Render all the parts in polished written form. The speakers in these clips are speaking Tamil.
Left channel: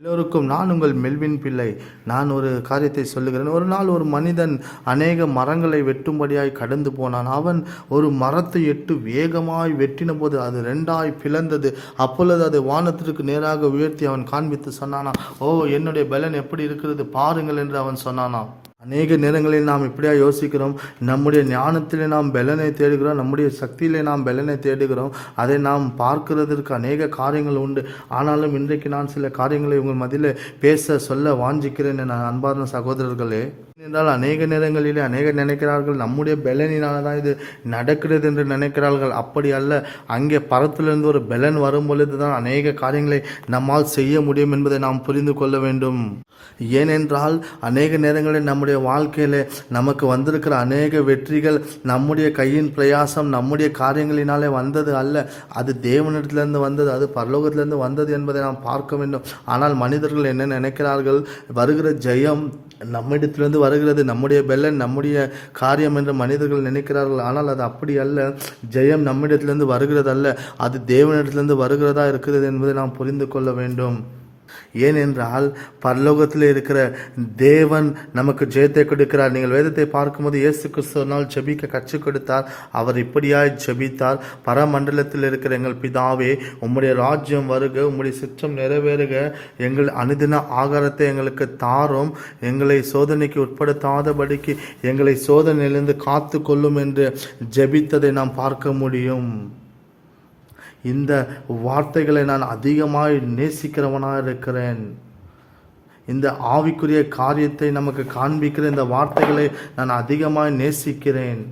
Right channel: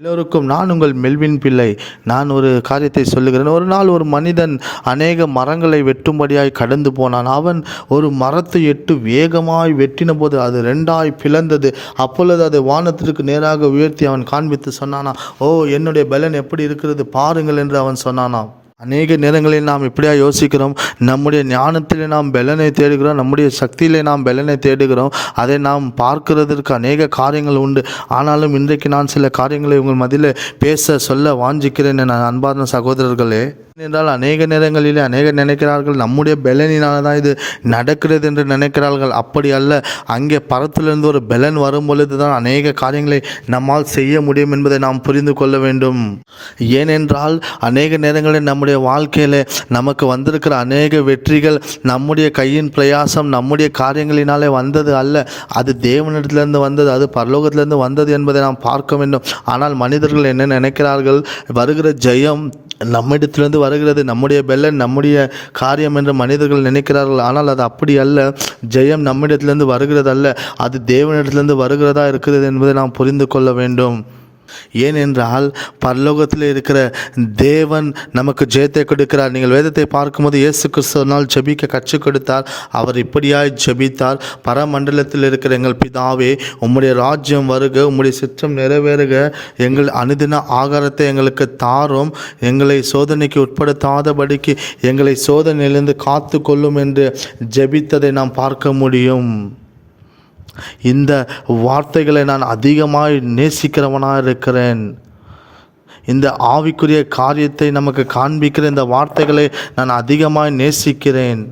எல்லோருக்கும் நான் உங்கள் மெல்வின் பிள்ளை. நான் ஒரு காரியத்தை சொல்லுகிறேன். ஒரு நாள் ஒரு மனிதன் அநேக மரங்களை வெட்டும்படியாய் கடந்து போனான். அவன் ஒரு மரத்தை எட்டு வேகமாய் வெட்டின போது அது ரெண்டாய் பிளந்தது. அப்பொழுது அதை வானத்திற்கு நேராக உயர்த்தி அவன் காண்பித்து சொன்னானா, ஓ, என்னுடைய பலன் எப்படி இருக்கிறது பாருங்கள் என்று அவன் சொன்னானாம். அநேக நேரங்களில் நாம் இப்படியா யோசிக்கிறோம். நம்முடைய ஞானத்திலே நாம் பலனை தேடுகிறோம், நம்முடைய சக்தியிலே நாம் பலனை தேடுகிறோம். அதை நாம் பார்க்கிறதற்கு அநேக காரியங்கள் உண்டு. ஆனாலும் இன்றைக்கு நான் சில காரியங்களை உங்கள் மத்தியில் பேச சொல்ல வாஞ்சிக்கிறேன் என் அன்பார்ந்த சகோதரர்களே. என்றால் அநேக நேரங்களிலே அநேகர் நினைக்கிறார்கள் நம்முடைய பலனினால தான் இது நடக்கிறது என்று நினைக்கிறார்கள். அப்படி அல்ல. அங்கே பரத்திலிருந்து ஒரு பலன் வரும் பொழுது தான் அநேக காரியங்களை நம்மால் செய்ய முடியும் என்பதை நாம் புரிந்து கொள்ள வேண்டும். ஏனென்றால் அநேக நேரங்களில் நம்முடைய வாழ்க்கையில் நமக்கு வந்திருக்கிற அநேக வெற்றிகள் நம்முடைய கையின் பிரயாசம், நம்முடைய காரியங்களினாலே வந்தது அல்ல. அது தேவனிடத்திலிருந்து வந்தது, அது பரலோகத்திலிருந்து வந்தது என்பதை நாம் பார்க்க வேண்டும். ஆனால் மனிதர்கள் என்ன நினைக்கிறார்கள், வருகிற ஜெயம் நம்மிடத்திலிருந்து வருகிறது, நம்முடைய பலன் நம்முடைய காரியம் என்று மனிதர்கள் நினைக்கிறார்கள். ஆனால் அது அப்படி அல்ல. ஜெயம் நம்மிடத்திலிருந்து வருகிறது அல்ல, அது தேவனிடத்திலிருந்து வருகிறதா இருக்கிறது என்பதை நாம் புரிந்து கொள்ள வேண்டும். ஏனென்றால் பரலோகத்தில் இருக்கிற தேவன் நமக்கு ஜெயத்தை கொடுக்கிறார். நீங்கள் வேதத்தை பார்க்கும்போது இயேசு கிறிஸ்துவினால் ஜெபிக்க கற்றுக் கொடுத்தார். அவர் இப்படியாய் ஜெபித்தார், பரமண்டலத்தில் இருக்கிற எங்கள் பிதாவே, உம்முடைய ராஜ்யம் வருக, உம்முடைய சித்தம் நிறைவேறுக, எங்கள் அனுதின ஆகாரத்தை எங்களுக்கு தாரும், எங்களை சோதனைக்கு உட்படுத்தாதபடிக்கு எங்களை சோதனையிலிருந்து காத்து கொள்ளும் என்று ஜெபித்ததை நாம் பார்க்க முடியும். இந்த வார்த்தைகளை நான் அதிகமாய் நேசிக்கிறவனாக இருக்கிறேன். இந்த ஆவிக்குரிய காரியத்தை நமக்கு காண்பிக்கிற இந்த வார்த்தைகளை நான் அதிகமாய் நேசிக்கிறேன்.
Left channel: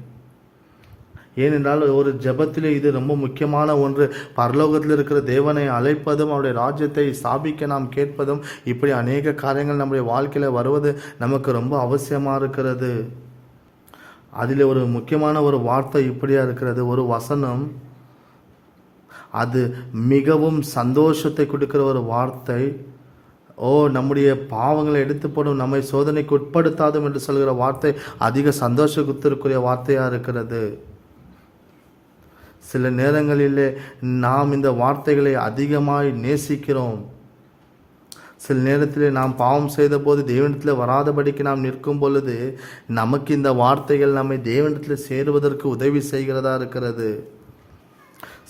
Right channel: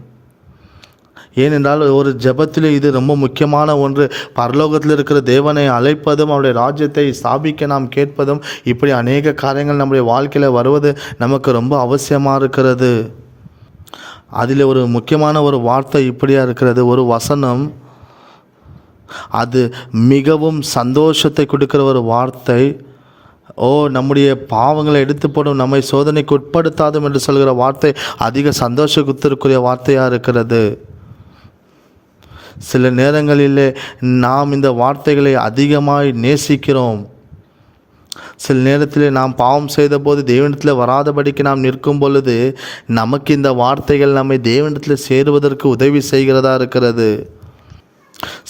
ஏனென்றால் ஒரு ஜெபத்திலே இது ரொம்ப முக்கியமான ஒன்று. பரலோகத்தில் இருக்கிற தேவனை அழைப்பதும் அவருடைய ராஜ்யத்தை ஸ்தாபிக்க நாம் கேட்பதும், இப்படி அநேக காரியங்கள் நம்முடைய வாழ்க்கையில் வருவது நமக்கு ரொம்ப அவசியமாக இருக்கிறது. அதில் ஒரு முக்கியமான ஒரு வார்த்தை இப்படியா இருக்கிறது, ஒரு வசனம். அது மிகவும் சந்தோஷத்தை கொடுக்கிற ஒரு வார்த்தை. ஓ, நம்முடைய பாவங்களை எடுத்து போடும், நம்மை சோதனைக்கு உட்படுத்தாதும் என்று சொல்கிற வார்த்தை அதிக சந்தோஷத்திற்குரிய வார்த்தையாக இருக்கிறது. சில நேரங்களிலே நாம் இந்த வார்த்தைகளை அதிகமாய் நேசிக்கிறோம். சில நேரத்தில் நாம் பாவம் செய்த போது தேவனிடத்தில் வராதபடிக்கு நாம் நிற்கும் பொழுது நமக்கு இந்த வார்த்தைகள் நம்மை தேவனிடத்தில் சேருவதற்கு உதவி செய்கிறதா இருக்கிறது.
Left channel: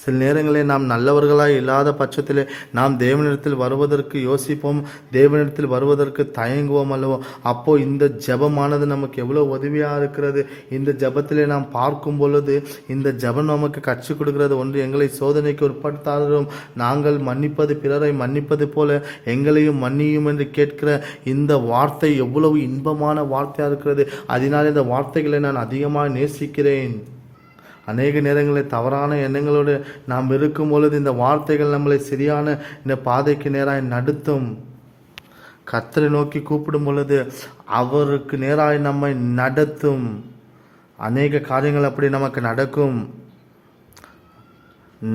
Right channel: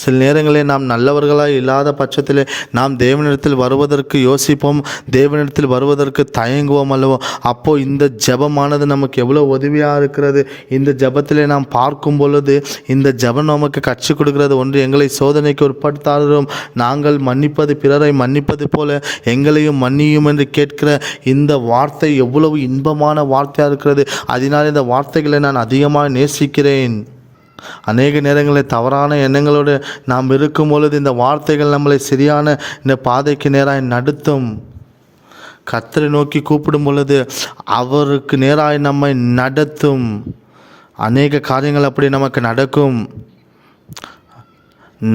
சில நேரங்களில் நாம் நல்லவர்களாக இல்லாத பட்சத்தில் நாம் தேவனிடத்தில் வருவதற்கு யோசிப்போம், தேவனிடத்தில் வருவதற்கு தயங்குவோம் அல்லவோ. அப்போது இந்த ஜெபமானது நமக்கு எவ்வளோ உதவியாக இருக்கிறது. இந்த ஜெபத்தில் நாம் பார்க்கும் பொழுது இந்த ஜெபம் நமக்கு கற்றுக் கொடுக்கிறது ஒன்று, எங்களை சோதனைக்கு உட்படுத்தாலும் நாங்கள் மன்னிப்பது பிறரை மன்னிப்பது போல எங்களையும் மன்னியும் என்று கேட்கிற இந்த வார்த்தை எவ்வளவு இன்பமான வார்த்தையாக இருக்கிறது. அதனால் இந்த வார்த்தைகளை நான் அதிகமாக நேசிக்கிறேன். அநேக நேரங்களில் தவறான எண்ணங்களோடு நாம் இருக்கும் பொழுது இந்த வார்த்தைகள் நம்மளை சரியான இந்த பாதைக்கு நேராக நடத்தும். கர்த்தரை நோக்கி கூப்பிடும் பொழுது அவருக்கு நேராக நம்மை நடத்தும். அநேக காரியங்கள் அப்படி நமக்கு நடக்கும்.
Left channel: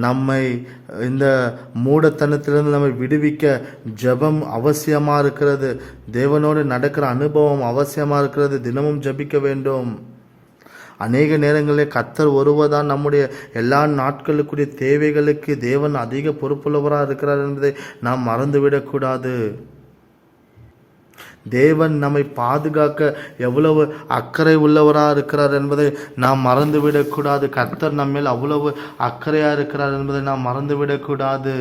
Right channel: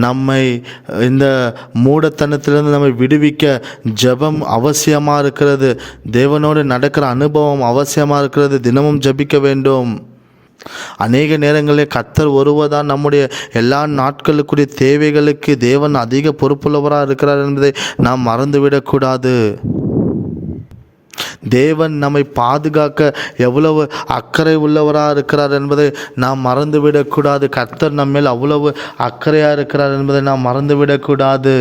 நம்மை இந்த மூடத்தனத்திலிருந்து நம்மை விடுவிக்க ஜெபம் அவசியமாக இருக்கிறது. தேவனோடு நடக்கிற அனுபவம் அவசியமாக இருக்கிறது. தினமும் ஜெபிக்க வேண்டும். அநேக நேரங்களில் கர்த்தர் ஒருவர்தான் நம்முடைய எல்லா நாட்களுக்குரிய தேவைகளுக்கு தேவன் அதிக பொறுப்புள்ளவராக இருக்கிறார் என்பதை நாம் மறந்துவிடக்கூடாது. தேவன் நம்மை பாதுகாக்க எவ்வளவு அக்கறை உள்ளவராக இருக்கிறார் என்பதை நாம் மறந்துவிடக்கூடாது. கர்த்தர் நம்மேல் அவ்வளவு அக்கறையாக இருக்கிறார் என்பதை நாம் மறந்துவிடக்கூடாது.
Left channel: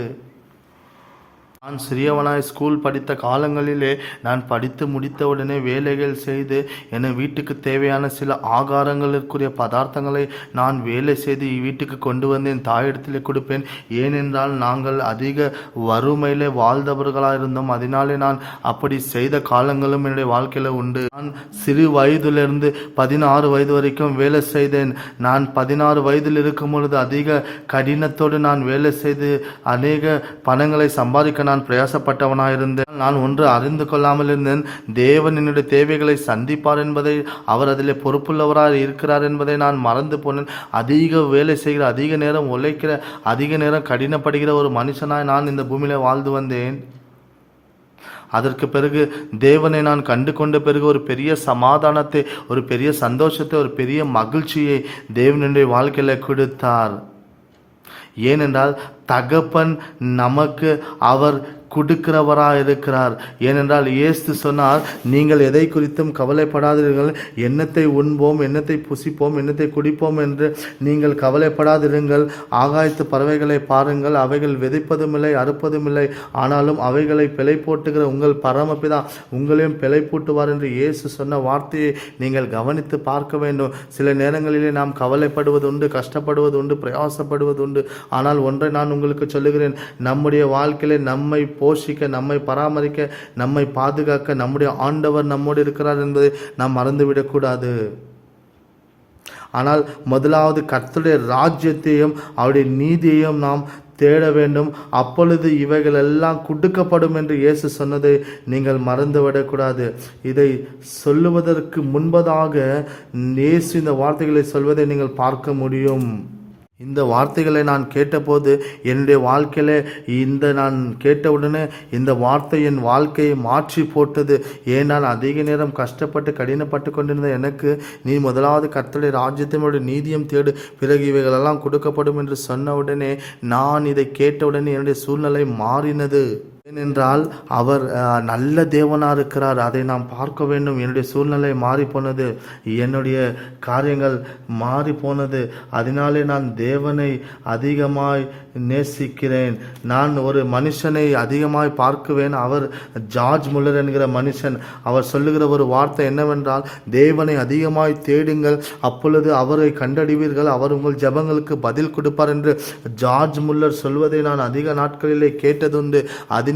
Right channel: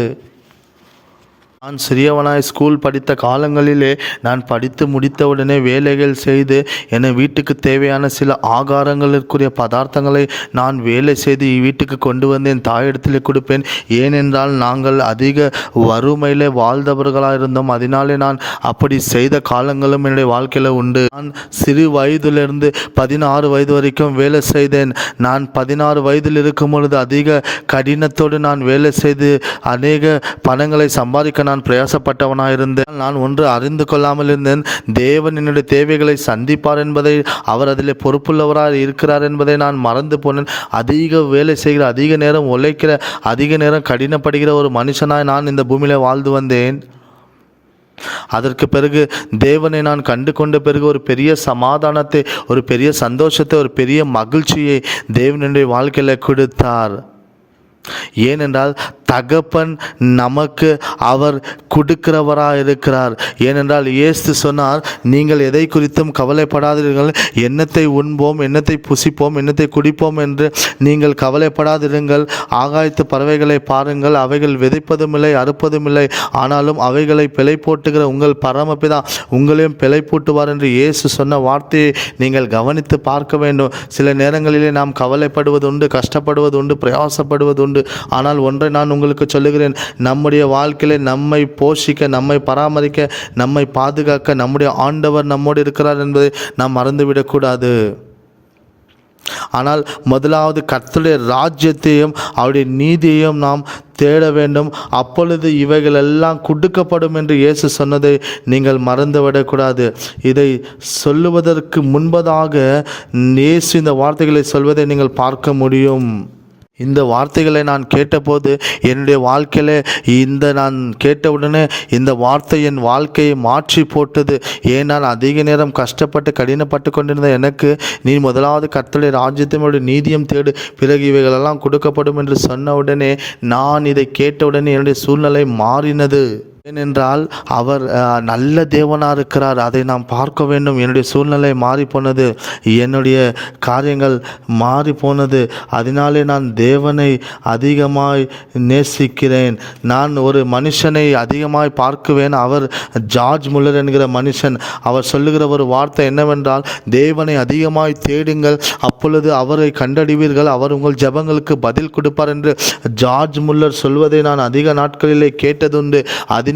நான் சிறியவனாய் ஸ்கூல் படித்த காலங்களிலே நான் படித்து முடித்தவுடனே வேலைகள் செய்து என வீட்டுக்கு தேவையான சில ஆகாரங்களுக்குரிய பதார்த்தங்களை நான் வேலை செய்து வீட்டுக்கு கொண்டு வந்து என் தாயிடத்தில் கொடுப்பேன். ஏனென்றால் நாங்கள் அதிக வறுமையில் வாழ்ந்தவர்களாக இருந்தோம். அதனாலே நான் அப்படி செய்த காலங்களும் என்னுடைய வாழ்க்கையில் உண்டு. நான் சிறு வயதிலிருந்து 16 வயது வரைக்கும் வேலை செய்தேன். நான் 16 வயதில் இருக்கும் பொழுது அதிக கடினத்தோடு நான் வேலை செய்து அநேக பணங்களை சம்பாதிக்க நான் பிரயாசப்பட்டவனாக இருந்தேன். நான் ஒன்று அறிந்து கொள்ளாமல் இருந்தேன், தேவன் என்னுடைய தேவைகளை சந்திப்பார் என்பதை, அவர் அதில் பொறுப்புள்ளவராக இருக்கிறார் என்பதை நான் மறந்து போனேன். அதிக வேலை செய்கிற, அதிக நேரம் உழைக்கிற, அதிக நேரம் கடினப்படுகிற ஒரு மனுஷனாய் நான் இந்த பூமியில் வாழ்ந்து வந்தேன். அதற்கு பிறகு தேவனை நான் கண்டு கொண்ட பிறகு ஒரு பெரிய சமாதானத்தை, ஒரு பெரிய சந்தோஷத்தை, ஒரு பெரிய மகிழ்ச்சியை தேவனுடைய வாழ்க்கையில் கொடுத்தார். ஏனென்றால் தகப்பன் நமக்கு அவர் கொடுக்கிறவராக இருக்கிறார். ஏனென்றால் இயேசு சொன்னார், நீங்கள் எதை குறித்தும் கவலைப்படாதீர்கள், என்னத்தை உண்போம், என்னத்தை புசிப்போம், என்னத்தை குடிப்போம் என்று நீங்கள் கவலைப்படாதிருங்கள். ஆகாயத்து பறவைகளை பாருங்கள், அவைகள் விதைப்பதும் இல்லை, அறுப்பதும் இல்லை, ஆனாலும் அவைகளை பிழை போட்டுகிற உங்கள் பரமபிதா உங்களையும் பிழை போட்டுவார் என்று இயேசு சொன்ன வார்த்தையை நீங்கள் கவனித்து பார்க்க வேண்டும். சில நேரங்களிலே நாம் கவலைப்படுவது உண்டு, கஷ்டப்படுவது உண்டு, பிரயாசப்படுவது உண்டு. ஆனால் ஒன்றை நான் உங்களுக்கு சொல்லுகிறேன், நம்முடைய வாழ்க்கையில நம்மை போஷிக்க, நம்மை பராமரிக்க, நம்மை பாதுகாக்க நம்முடைய ஆண்டவர் நம்மோடு இருக்கிறார் என்பதை நாம் மறந்துவிடக்கூடாது. ஆனால் முதலாவது கர்த்தருடைய ராஜ்யத்தையும் அவருடைய நீதியையும் நாம் தேட வேண்டும், அப்பொழுது இவைகள் எல்லாம் கொடுக்கப்படும் என்று இயேசு சொன்னதை நீங்கள் மறந்துவிடக்கூடாது. இதை சொல்லுவதற்கு முன்பதாக இயேசு இந்த வார்த்தைகளை சொல்வதை நீங்கள் பார்க்க முடியும். இந்த வார்த்தைகளை நான் கேட்டபோது என்னுடைய வாழ்க்கையில் நான் கேட்டவுடனே இந்த வார்த்தை என் வாழ்க்கையை மாற்றி போட்டது. ஏன் நான் அதிக நேரம் கஷ்டப்பட்டு கடினப்பட்டு கொண்டிருந்த எனக்கு, நீ முதலாவது கர்த்தருடைய ராஜ்யத்தினுடைய நீதியம் தேடு, பிறகு இவைகளெல்லாம் கொடுக்கப்படும் என்று சொன்ன உடனே, நான் இதை கேட்டவுடனே என்னுடைய சூழ்நிலை மாறினது. ஏனென்றால் அவர் நல்ல தேவனாக இருக்கிறார், அதை நாம் பார்க்க வேண்டும். என்னுடைய சூழ்நிலை மாறி போனது, என்னுடைய காரியங்கள் மாறி போனது. அதனாலே நான் தேவனை அதிகமாய் நேசிக்கிறேன். நான் ஒரு மனுஷனை அதிகமாய் பார்க்குவேன். அவர் ஜார்ஜ் முல்லர் என்கிற மனுஷன், அவர் சொல்லுகிற ஒரு வார்த்தை என்னவென்றால், தேவனை அதிகமாய் தேடுங்கள், அப்பொழுது அவரை கண்டறிவீர்கள், அவர் உங்கள் ஜெபங்களுக்கு பதில் கொடுப்பார் என்று ஜார்ஜ் முல்லர் சொல்வதை நான் அதிக நாட்களிலே கேட்டதுண்டு.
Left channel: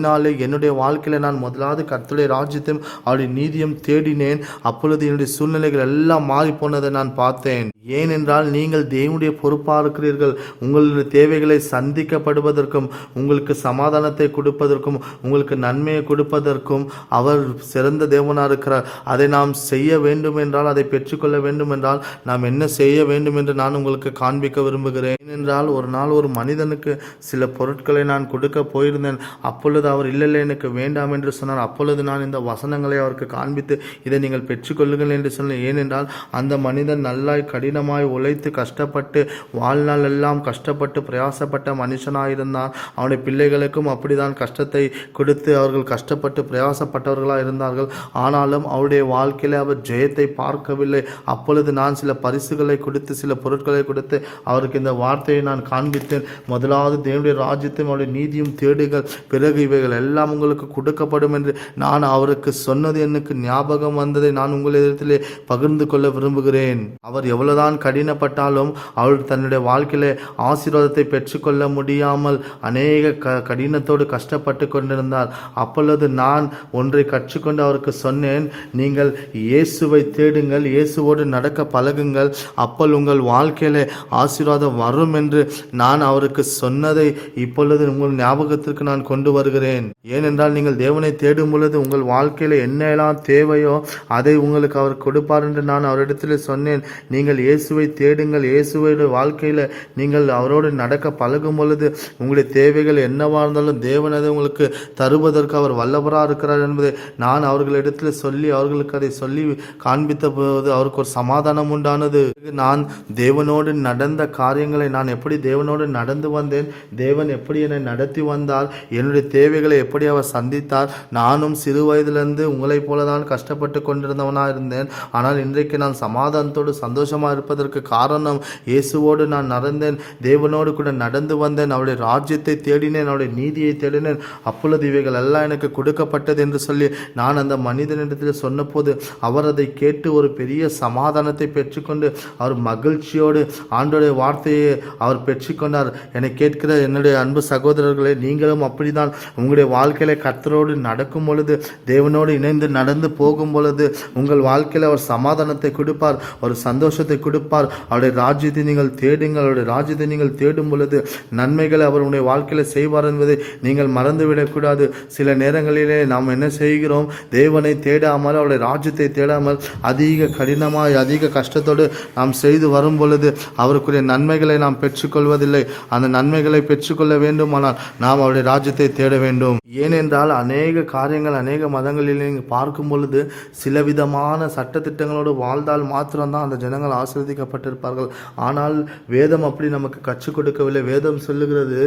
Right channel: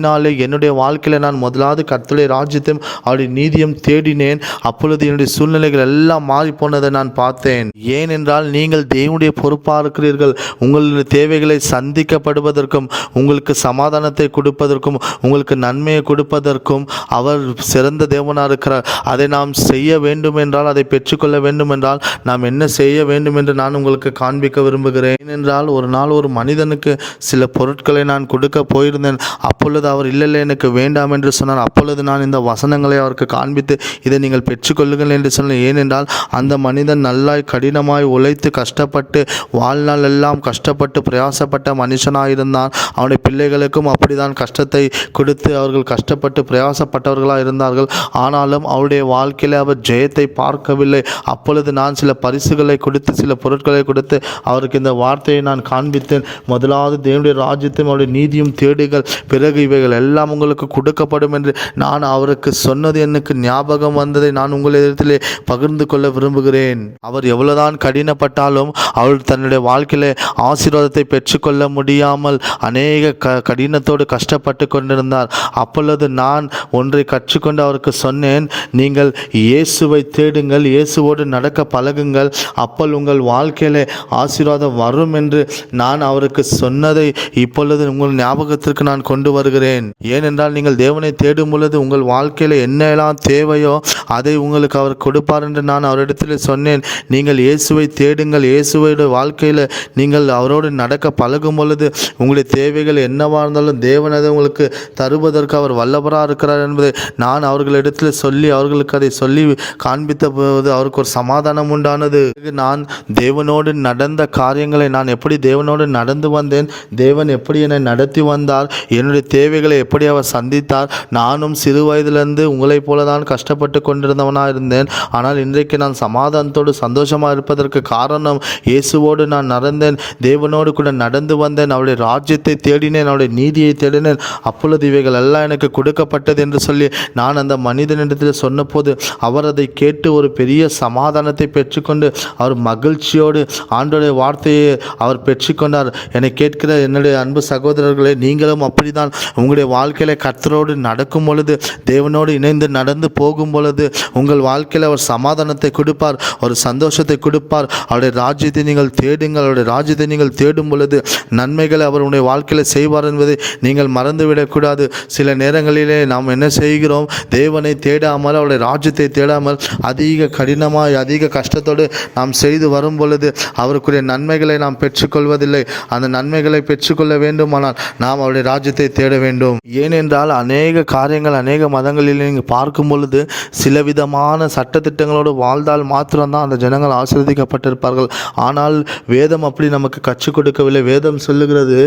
அதனாலே என்னுடைய வாழ்க்கையில் நான் முதலாவது கர்த்தருடைய ராஜ்யத்தையும் அவருடைய நீதியும் தேடினேன். அப்பொழுது என்னுடைய சூழ்நிலைகள் எல்லாம் மாறி போனதை நான் பார்த்தேன். ஏனென்றால் நீங்கள் தேவனுடைய பொறுப்பாக இருக்கிறீர்கள். உங்களுடைய தேவைகளை சந்திக்கப்படுவதற்கும், உங்களுக்கு சமாதானத்தை கொடுப்பதற்கும், உங்களுக்கு நன்மையை கொடுப்பதற்கும் அவர் சிறந்த தேவனாக இருக்கிறார். அதை நாம் செய்ய வேண்டும் என்றால், அதை பெற்றுக்கொள்ள வேண்டும் என்றால் நாம் என்ன செய்ய வேண்டும் என்று நான் உங்களுக்கு காண்பிக்க விரும்புகிறேன். ஏனென்றால் ஒரு நாள் ஒரு மனிதனுக்கு சில பொருட்களை நான் கொடுக்க போயிருந்தேன். அப்பொழுது அவர் இல்லை எனக்கு வேண்டாம் என்று சொன்னார். அப்பொழுது நான் இந்த வசனங்களை அவருக்கு காண்பித்து, இதை நீங்கள் பெற்றுக்கொள்ளுங்கள் என்று சொன்னேன். ஏனென்றால் அந்த மனிதன் நல்லாய் கடினமாய் உழைத்து கஷ்டப்பட்டு வாழ்நாள் எல்லாம் கஷ்டப்பட்டு பிரயாசப்பட்ட மனுஷனாயிருந்தான். அவனுடைய பிள்ளைகளுக்கும் அப்படிதான் கஷ்டத்தை கொடுத்து அவர்கள் கஷ்டப்பட்டு பிரயாசப்பட்டவர்களாக இருந்தார்கள். ஆனாலும் அவருடைய வாழ்க்கையில் அவர் ஜெயத்தை பார்க்கவில்லை. அப்பொழுது நான் சில பரிசுகளை கொடுத்து, சில பொருட்களை கொடுத்து அவருக்கு இந்த வார்த்தையை நான் காண்பித்தேன். முதலாவது தேவனுடைய ராஜ்யத்தையும் அவருடைய நீதியும் தேடுங்கள், பிறகு இவைகள் எல்லாம் உங்களுக்கு கொடுக்கப்படும் என்று நான் அவருக்கு சொன்னது எனக்கு ஞாபகம் வந்ததை நான் உங்களிடத்திலே பகிர்ந்து கொள்ள விரும்புகிறேன். அவர் எவ்வளவுதான் கடினப்பட்டாலும் அவர் தன்னுடைய வாழ்க்கையில ஆசீர்வாதத்தை பெற்றுக்கொள்ள முடியாமல் அநேக கடினத்தோடு கஷ்டப்பட்டு கொண்டிருந்தார். அப்பொழுது நான் ஒன்றை கற்றுக்கொண்டு அவருக்கு சொன்னேன், நீங்கள் இயேசுவை தேடுங்கள், இயேசுவோடு நடக்க பழகுங்கள், அப்பொழுது உங்கள் வாழ்க்கையில ஆசீர்வாதம் வரும் என்று நான் அவருக்கு சொன்னதை இப்பொழுது உங்கள் ஞாபகத்திற்கு நான் கொண்டு வருகிறேன். ஏனென்றால் நீங்கள் தேவனை தேடும் பொழுது உங்கள் வாழ்க்கையில் என்னெல்லாம் தேவையோ அதை உங்களுக்கு அவர் கொடுப்பார் என்று நான் அவரிடத்தில் சொன்னேன். நீங்கள் இயேசுவை தேடுங்கள், இயேசுவோட வாழ்க்கையில் நீங்கள் அவரோடு நடக்க பழகும் பொழுது உங்களுடைய தேவைகள் என்னவாக இருந்தாலும் தேவன் அதை உங்களுக்கு தருவதற்கு அவர் வல்லவராக இருக்கிறார் என்பதை நான் அவர்களிடத்தில் சொல்லி அவர்களுக்கு அதை சொல்லி காண்பித்த போது அவருக்கு ஒரு சமாதானம் உண்டானது. நான் தேவனோடு நடந்த காரியங்களை, நான் எப்படி தேவனோடு நடந்து வந்தேன், தேவன் எப்படி என்னை நடத்தி வந்தார், என்னுடைய தேவைகளை எப்படி அவர் சந்தித்தார். நானும் சிறு வயதிலிருந்து உங்களைப் போல தான் கஷ்டப்பட்டு கொண்டிருந்தவனாக இருந்தேன். ஆனால் இன்றைக்கு நான் சமாதானத்தோடு சந்தோஷமாக இருப்பதற்கு காரணம் இயேசுவோடு நான் நடந்தேன், தேவனோடு கூட நடந்து வந்தேன், அவருடைய ராஜ்யத்தை தேடினேன், அவருடைய நீதியை தேடினேன். அப்பொழுது இவைகள் எல்லாம் எனக்கு கொடுக்கப்பட்டது என்று சொல்லி நான் அந்த மனிதனிடத்தில் சொன்னபோது அவர் அதை கேட்டு ஒரு பெரிய சமாதானத்தை பெற்றுக்கொண்டு அவர் மகிழ்ச்சியோடு ஆண்டோடைய வார்த்தையை அவர் பெற்றுக்கொண்டார். என்னை கேட்கிற என்னுடைய அன்பு சகோதரர்களே, நீங்களும் அப்படிதான் உங்களுடைய வாழ்க்கையில் கர்த்தரோடு நடக்கும் பொழுது, தேவனோடு இணைந்து நடந்து போகும் பொழுது உங்கள் வாழ்க்கையில் அவர் சமாதானத்தை கொடுப்பார், ஒரு சந்தோஷத்தை கொடுப்பார். அவருடைய ராஜ்யத்தை நீங்கள் தேடுங்கள், அவருடைய ராஜ்யத்தை நீங்கள் தேடும் பொழுது நன்மைகளை அவர் உங்களுடைய வாழ்க்கையில் செய்வார் என்பதை நீங்கள் மறந்துவிடக்கூடாது. சில நேரங்களிலே நாம் என்ன செய்கிறோம், தேவனை தேடாமல் அவருடைய ராஜ்யத்தை தேடாமல் அதிக கடினமாய் அதிக கஷ்டத்தோடு நாம் செய்து வரும் பொழுது அவருக்குரிய நன்மைகளை நாம் பெற்றுக்கொள்வதில்லை. அந்த நன்மைகளை பெற்றுக்கொள்ள வேண்டுமானால் நாம் அவருடைய ராஜ்யத்தை தேட வேண்டும். வேண்டும். ஏனென்றால் அநேக காரியங்கள் அநேக மதங்களில் நீங்கள் பார்க்கும் பொழுது சில விதமான சட்டத்திட்டங்களோடு வாழ்ந்தால் மாத்திரம்தான் அந்த ஜனங்கள் ஆசீர்வதிக்கப்பட்டிருப்பார்கள். ஆனால் வேதம் அப்படி நமக்கு கற்றுக் கொடுக்கவில்லை. வேதம் சொல்லுகிறது,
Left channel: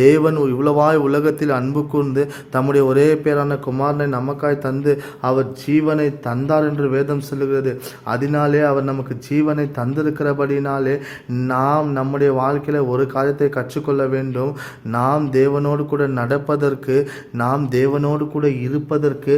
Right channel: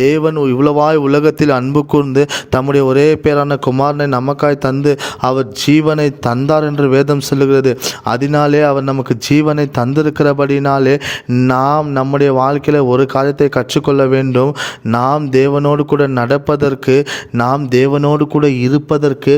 தேவன் இவ்வளவாய் உலகத்தில் அன்பு கூர்ந்து தம்முடைய ஒரே பேரான குமாரனை நமக்காய் தந்து அவர் ஜீவனை தந்தார் என்று வேதம் சொல்லுகிறது. அதனாலே அவர் நமக்கு ஜீவனை தந்திருக்கிறபடினாலே நாம் நம்முடைய வாழ்க்கையில் ஒரு காரியத்தை கற்றுக்கொள்ள வேண்டும். நாம் தேவனோடு கூட நடப்பதற்கு, நாம் தேவனோடு கூட இருப்பதற்கு,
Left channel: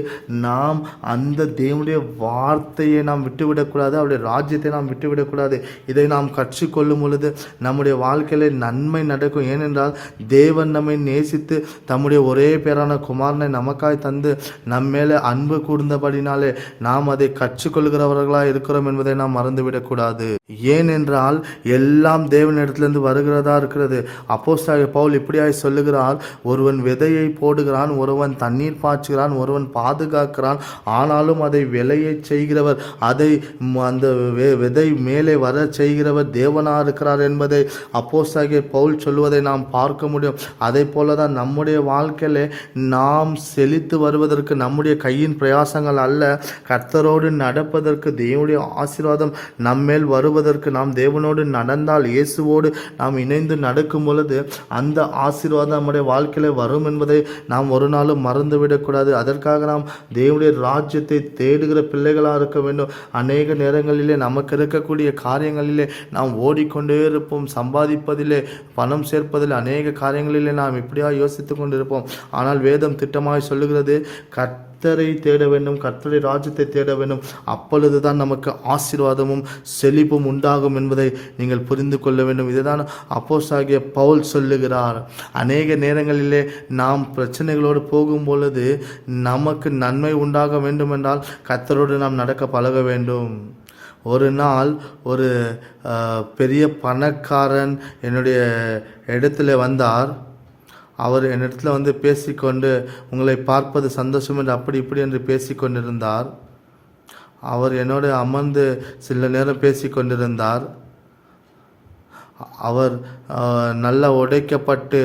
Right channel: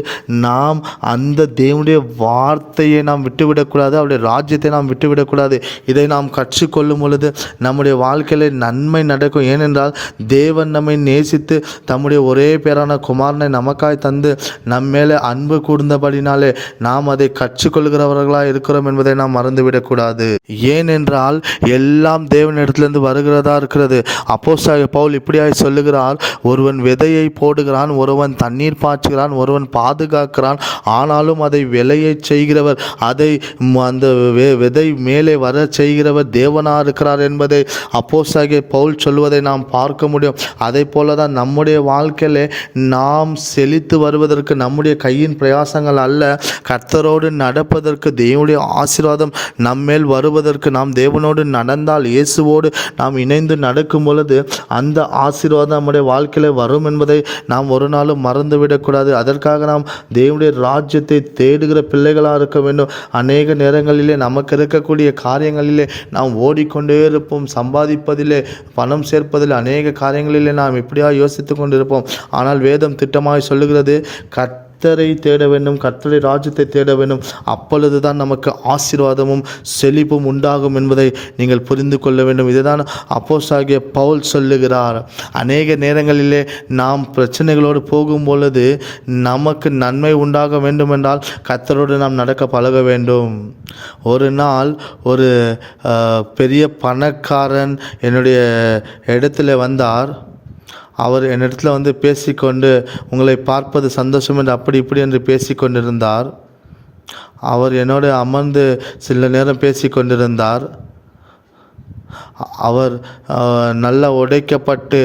நாம் அந்த தேவனுடைய வார்த்தையை நாம் விட்டுவிடக்கூடாது, அவருடைய ராஜ்யத்தை நாம் விட்டுவிடக்கூடாது. இதை நாம் கற்றுக்கொள்ளும் பொழுது நம்முடைய வாழ்க்கையில் நன்மை நடக்கும். ஏனென்றால் தேவன் நம்மை நேசித்து தம்முடைய ஒரே பேரான குமாரனை நமக்காய் தந்து நம் மேலே அன்பு கூர்ந்தபடினாலே நாம் அதை கற்றுக்கொள்கிறவர்களாக இருக்கிறோம் என்பதை நாம் மறந்துவிடக்கூடாது. ஏனென்றால் எல்லாம் தேவனிடத்திலிருந்து வருகிறதா இருக்கிறது. அப்போஸ்தலனாகிய பவுல் இப்படியாய் சொல்லுகிறார், ஒருவன் விதையை போடுகிறான், ஒருவன் தண்ணீர் பாய்ச்சுகிறான், ஒருவன் பாதுகாக்கிறான், ஆனாலும் அதை விளைய செய்கிறவர், அதை அந்த விதை மேலே வர செய்கிறவர் தேவனாக இருக்கிறார் என்பதை அப்போஸ்தலனாகிய பவுல் சொல்வதை நாம் பார்க்க முடியும். அதை போல தான் நம்முடைய வாழ்க்கையிலே நாம் செழித்து வருவதற்கு நம்முடைய கையின் பிரயாசங்கள் அல்ல, கர்த்தரோடு நடப்பதற்கு தேவனுடைய ஆசீர்வாதம் நம்மேல் வருவதற்கு நாம் தேவனோடு நடந்தால், இயேசுவோடு நாம் இணைந்து நடக்கும் பொழுது அந்த ஆசீர்வாதம் நம்முடைய வாழ்க்கையில் வரும் என்பதை நாம் ஒரு நாளும் மறந்துவிடக்கூடாது. அதற்காக நாம் தேவனுடைய ராஜ்யத்தை தேடுகிற பிள்ளைகளாக இருக்க வேண்டும். அநேக நேரங்களிலே நமக்கு இருக்கக்கூடிய காரியங்களிலே நாம் ஓடிக்கொண்டே இருப்போம். சம்பாதிப்பதிலே, பணம் சேர்ப்பதில், அநேக காரியங்களிலே நாம் இப்படியாக யோசித்து கொண்டிருப்போம். ஆனால் வேதம் திட்டமாய் சொல்லுகிறது, கர்த்தரை தேட வேண்டும், கர்த்தரை ராஜ்யத்தை தேட வேண்டும். அப்பொழுது தான் நமக்கு ஆசீர்வாதமும் செழிப்பும் உண்டாகும் என்பதை நீங்கள் புரிந்து கொள்ள வேண்டும். இதுதான் அப்போஸ்தலனாகிய பவுல் சொல்லுகிறார். அநேக நேரங்களிலே நாம் பிரச்சனைகளோடு போகும் பொழுது நமக்கு நன்மை உண்டாக வேண்டும் என்றால் கர்த்தரோடு நாம் நடக்க பழக வேண்டும். ஒரு நாள் ஒரு பெரிய பணக்காரன் என்னுடைய இடத்துல வந்தார். அவர் என்னிடத்தில் பேசிக்கொண்டு, உங்களை பார்ப்பது சந்தோஷம் என்று அப்படி இப்படி என்று பேசிக்கொண்டிருந்தார். அவர் என்னோடு அமர்ந்து சில நேரம் பேசிக்கொண்டிருந்தார். அவர் நல்ல உடைக்கப்பட்டு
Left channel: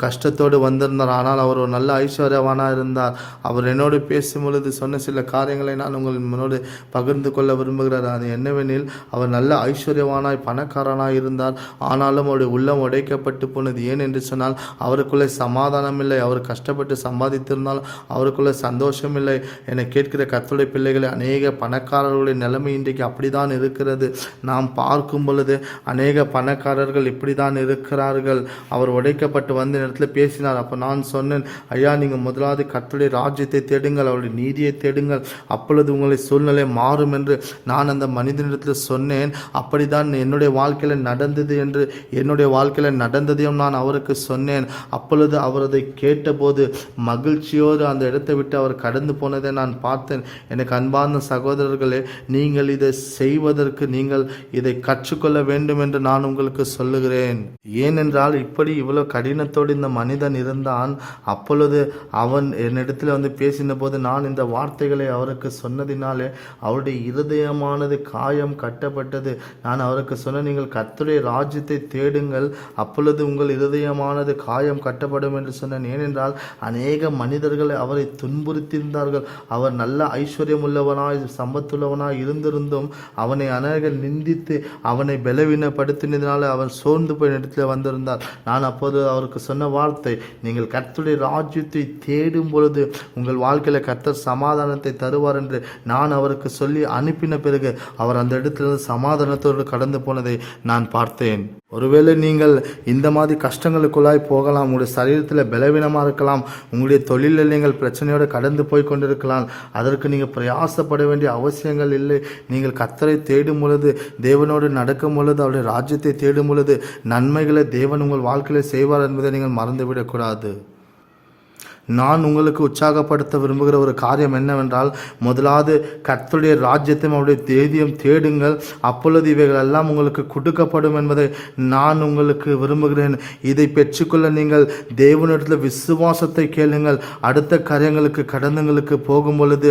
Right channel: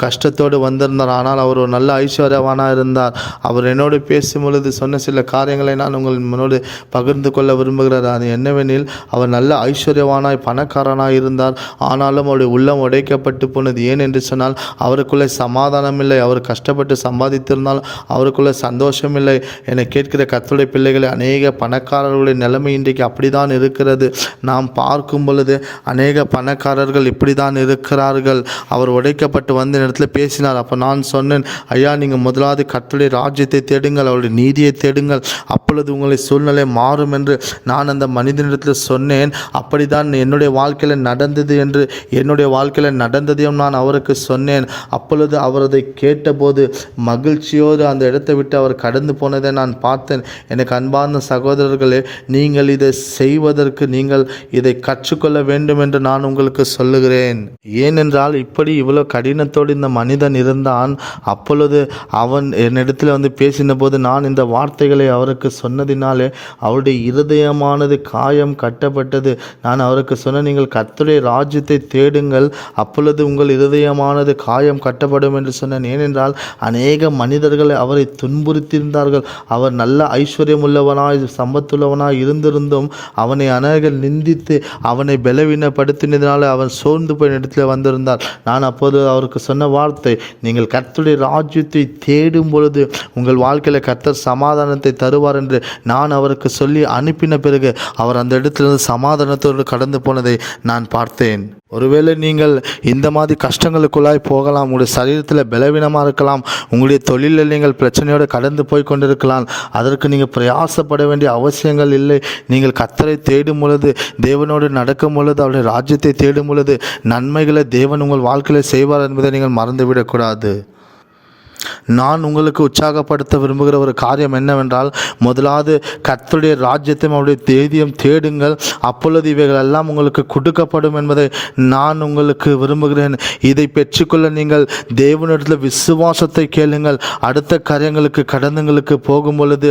கஷ்டத்தோடு வந்திருந்தார். ஆனால் அவர் ஒரு நல்ல ஐஸ்வர்யவானாக இருந்தார். அவர் என்னோடு பேசும் பொழுது சொன்ன சில காரியங்களை நான் உங்கள் முன்னோடு பகிர்ந்து கொள்ள விரும்புகிறார். அது என்னவெனில், அவர் நல்ல ஐஸ்வர்யவானாய் பணக்காரனாக இருந்தார். ஆனாலும் அவருடைய உள்ளம் உடைக்கப்பட்டு போனது. ஏன் என்று சொன்னால், அவருக்குள்ளே சமாதானம் இல்லை. அவர் கஷ்டப்பட்டு சம்பாதித்திருந்தால் அவருக்குள்ளே சந்தோஷம் இல்லை. என கேட்கிற கர்த்தருடைய பிள்ளைகளை, அநேக பணக்காரர்களுடைய நிலைமை இன்றைக்கு அப்படிதான் இருக்கிறது. நாம் பார்க்கும் பொழுது அநேக பணக்காரர்கள் இப்படி தான் இருக்கிறார்கள். அவர் உடைக்கப்பட்டு வந்த இடத்துல பேசினார். அப்போ நான் சொன்னேன், ஐயா, நீங்கள் முதலாவது கர்த்தருடைய ராஜ்யத்தை தேடுங்கள், அவருடைய நீதியை தேடுங்கள், அப்பொழுது உங்களை சூழ்நிலை மாறும் என்று நான் அந்த மனிதனிடத்தில் சொன்னேன். அப்படி தான் என்னுடைய வாழ்க்கையில் நடந்தது என்று என்னுடைய வாழ்க்கையில் நடந்ததையும் நான் அவருக்கு சொன்னேன். அப்பொழுது அவர் அதை கேட்டபோது மகிழ்ச்சியோடு அந்த இடத்தை விட்டு அவர் கடந்து போனதை நான் பார்த்தேன். எனக்கு அன்பார்ந்த சகோதரர்களே, நீங்கள் இதை செய்வதற்கு நீங்கள் இதை கற்றுக்கொள்ள வேண்டும் என்று நான் உங்களுக்கு சொல்லுகிறேன். ஏனென்றால் இப்படி இவ்வளவு கடினத்தோடு இந்த மனிதன் இருந்தான். அப்பொழுது அவன் என்னிடத்தில் பேசின போது நான் இந்த வார்த்தைகளை அவருக்கு சொன்னதினாலே அவருடைய இருதயமானது காயம் கட்டப்பட்டது. நான் அவருக்கு சொன்ன, நீங்கள் கர்த்தருடைய ராஜ்யத்தை தேடுங்கள், அப்பொழுது உங்கள் இருதயமானது காயம் கட்டப்படும் என்று சொன்னேன். ஏனென்றால் அநேக மனிதர்கள் அவரை துன்புறுத்தியிருந்தார்கள். அவர் நல்ல ஐஸ்வர்யம் உள்ளவனாய் சம்பத்துள்ளவனாய் இருந்திருந்தும் அவனை அநேகர் நிந்தித்து அவனை பலவீனப்படுத்தினதினால அவன் சோர்ந்து போய் இடத்துல வந்திருந்தார். நான் அப்போது அவருக்கு சொன்ன வார்த்தை, நீங்கள் கர்த்தருடைய ராஜ்யத்தை தேடும் பொழுது உங்கள் வாழ்க்கையில் கர்த்தர் சமாதானத்தை தருவார் என்று நான் அவருக்கு சொல்லி அனுப்பின பிறகு அவர் அந்த இடத்திலிருந்து சமாதானத்தோடு கடந்து போனதை நான் பார்த்தேன். ஒருவேளை நீங்கள் இந்த மாதிரி கஷ்டங்களுக்குள்ளாய் போகலாம். உங்களுடைய சரீரத்தில் பலவீனமாக இருக்கலாம். உங்களுடைய தொழிலில் நீங்கள் பிரச்சனையோடு கடந்து போய் கொண்டிருக்கலாம். அதற்கு நீங்கள் பிரயாசப்பட வேண்டிய அவசியங்கள் இல்லை. நீங்கள் கர்த்தரை தேடும் பொழுது, தேவனோடு நடக்கும் பொழுது, அவருடைய ராஜ்யத்தை தேடும் பொழுது நன்மைகளை தேவன் உங்கள் வாழ்க்கையில் செய்வார் என்பதை நீங்கள் மறந்துவிடக்கூடாது. நான் உங்களுக்கு உற்சாகப்படுத்த விரும்புகிற ஒரு காரியம் என்னவென்றால், முதலாவது கர்த்தருடைய ராஜ்யத்தையும் அவருடைய தேதியும் தேடுங்கள், அப்பொழுது இவைகள் எல்லாம் உங்களுக்கு கொடுக்கப்படும் என்பதை நான் உங்களுக்கு விரும்புகிறேன். இதை பெற்றுக்கொள்ள நீங்கள் தேவனிடத்தில் விசுவாசத்தை கேளுங்கள். அடுத்த காரியங்களுக்கு கடந்தங்களுக்கு போகும் பொழுது,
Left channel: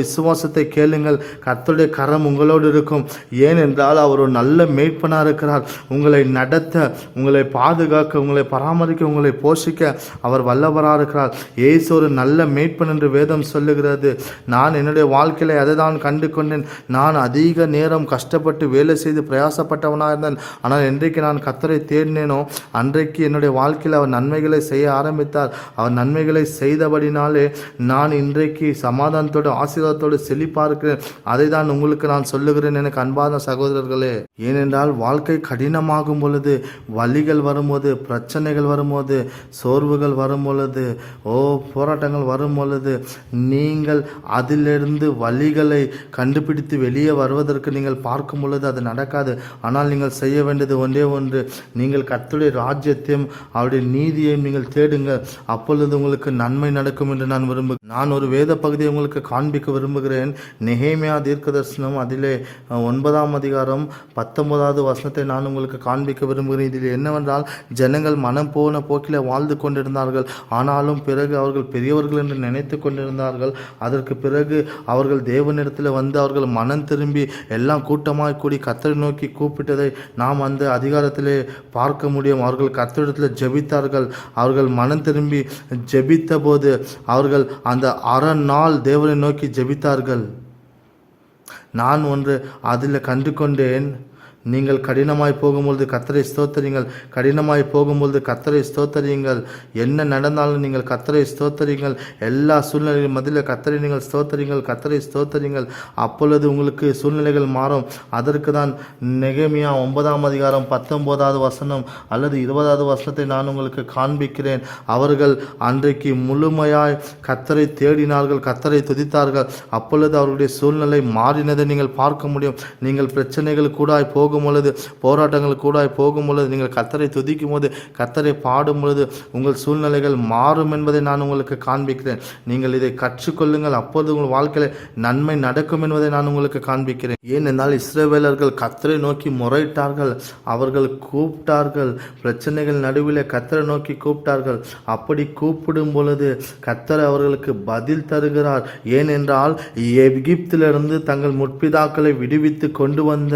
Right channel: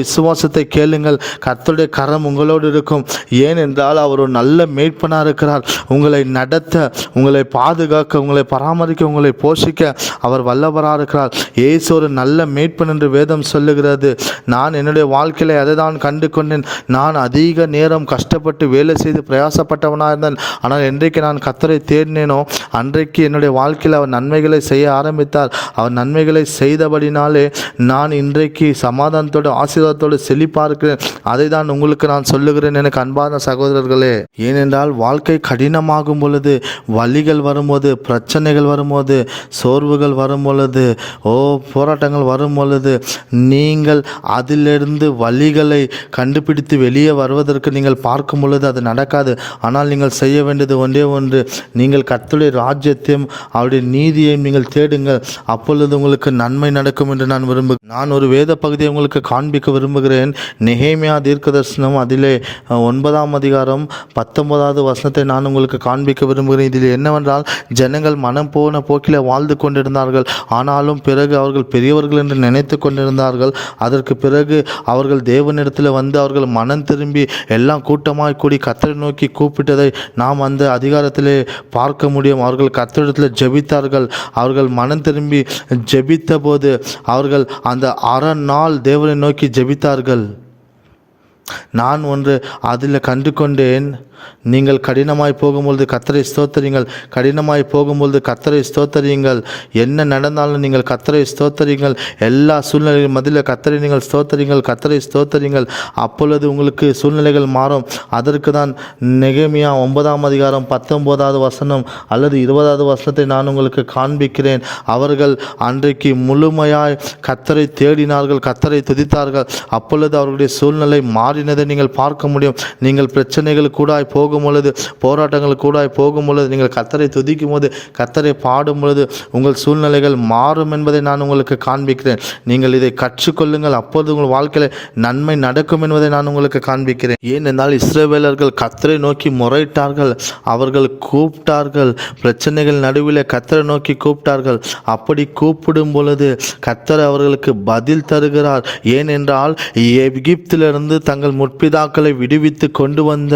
விசுவாசத்தை கேளுங்கள். கர்த்தருடைய கரம் உங்களோடு இருக்கும். ஏனென்றால் அவர் ஒரு நல்ல மேய்ப்பனாக இருக்கிறார். உங்களை நடத்த, உங்களை பாதுகாக்க, உங்களை பராமரிக்க, உங்களை போஷிக்க அவர் வல்லவராக இருக்கிறார். இருக்கிறார். இயேசு ஒரு நல்ல மேய்ப்பன் என்று வேதம் சொல்லுகிறது. நான் என்னுடைய வாழ்க்கையில் அதை தான் கண்டு கொண்டேன். நான் அதிக நேரம் கஷ்டப்பட்டு வேலை செய்து பிரயாசப்பட்டவனாக இருந்தேன். ஆனால் என்றைக்கு நான் கர்த்தரை தேடினேனோ அன்றைக்கு என்னுடைய வாழ்க்கையில் அவர் நன்மைகளை செய்ய ஆரம்பித்தார். அவர் நன்மைகளை செய்தபடினாலே நான் இன்றைக்கு சமாதானத்தோடு ஆசீர்வாதத்தோடு செழிப்பாக இருக்கிறேன். அதை தான் உங்களுக்கு நான் சொல்லுகிறேன் எனக்கு அன்பான சகோதரர்களே. ஏனென்றால் வாழ்க்கை கடினமாகும் பொழுது, வலிகள் வரும்போது, பிரச்சனைகள் வரும்போது, சோர்வுகள் வரும் பொழுது, போராட்டங்கள் வரும் பொழுது நீங்கள் அதிலிருந்து வலிகளை கண்டுபிடித்து வெளியே வருவதற்கு நீங்கள் பார்க்கும் பொழுது அது நடக்காது. ஆனால் நீங்கள் செய்ய வேண்டியது ஒன்றே ஒன்று, நீங்கள் கர்த்தருடைய ராஜ்யத்தையும் அவருடைய நீதியையும் நீங்கள் தேடுங்கள். அப்பொழுது உங்களுக்கு நன்மை நடக்கும் என்று நான் நான் ஒரு வேத பகுதியை உங்களுக்கு காண்பிக்க விரும்புகிறேன். நெகேமியா தீர்க்கதரிசனம் அதிலே 9ஆம் அதிகாரம் 19வது வசனத்தை நான் உங்களுக்கு காண்பிக்க விரும்புகிறேன். இதில் என்னவென்றால், ஜனங்கள் மனம் போன போக்கில் வாழ்ந்து கொண்டிருந்தார்கள். ஆனாலும் பிறகு அவர்கள் பெரியவர்கள் என்று நினைத்து கொண்டிருந்தார்கள். அதற்கு பிறகு அவர்கள் தேவனிடத்தில் வந்து அவர்கள் மனம் திரும்பி எல்லாம் கூட்டமாய் கூடி கர்த்தரை நோக்கி கூப்பிட்டதை நாம் அந்த அதிகாரத்திலே பார்க்க முடியும். அவர்கள் கர்த்தரிடத்தில் ஜெபித்தார்கள். அவர்கள் மனம் திரும்பி ஜெபித்த போது அவர்கள் அந்த அரை நாள் தேவனை நோக்கி ஜெபித்தார்கள். நான் ஒன்று அதில் கண்டு கொண்டேன். நீங்கள் கடினமாய் போகும்பொழுது கர்த்தரை ஸ்தோத்தரியுங்கள். கடினமாய் போகும்பொழுது கர்த்தரை ஸ்தோத்தரியுங்கள். என்ன நடந்தாலும் நீங்கள் கர்த்தரை ஸ்தோத்தரியுங்கள். எல்லா சூழ்நிலைகள் மத்தியில் கர்த்தரை நீங்கள் ஸ்தோத்தரியுங்கள். கர்த்தரை ஸ்தோத்தரியுங்கள். அப்பொழுது உங்களுக்கு சூழ்நிலைகள் மாறும். அதற்கு தான் நெகேமியா 9ஆம் அதிகாரம் 19வது வசனம் அல்லது 20வது வசனத்தை நான் உங்களுக்கு காண்பிக்கிறேன். அவர்கள் அன்றைக்கு முழுமையாய் கர்த்தரை தேடினார்கள், கர்த்தரை துதித்தார்கள். அப்பொழுது அவர்களுடைய சூழ்நிலை மாறினதை நீங்கள் பார்க்க முடியும். நீங்கள் பிரச்சனைகள் கூட போகும் பொழுது, போராட்டங்கள் கூட போகும் பொழுது, நீங்கள் கர்த்தரை துதிக்கும் போது, கர்த்தரை பாடும் பொழுது உங்கள் சூழ்நிலைகள் மாறும் என்பதை நான் உங்களுக்கு காண்பிக்கிறேன். நீங்கள் இதை கற்றுக்கொள்ளுங்கள். அப்போது உங்கள் வாழ்க்கையில் நன்மை நடக்கும் என்பதை நான் உங்களுக்கு காண்பிக்கிறேன். ஏனென்றால் இஸ்ரவேலர்கள் கர்த்தரை நோக்கி முறையிட்டார்கள். அவர்கள் கூப்பிட்டார்கள். பிரச்சனைகள் நடுவில் கர்த்தரை நோக்கி கூப்பிட்டார்கள். அப்படி கூப்பிடும் பொழுது கர்த்தர் அவர்களுக்கு பதில் தருகிறார். ஏனென்றால் எகிப்திலிருந்து தங்கள் முற்பிதாக்களை விடுவித்து கொண்டு வந்த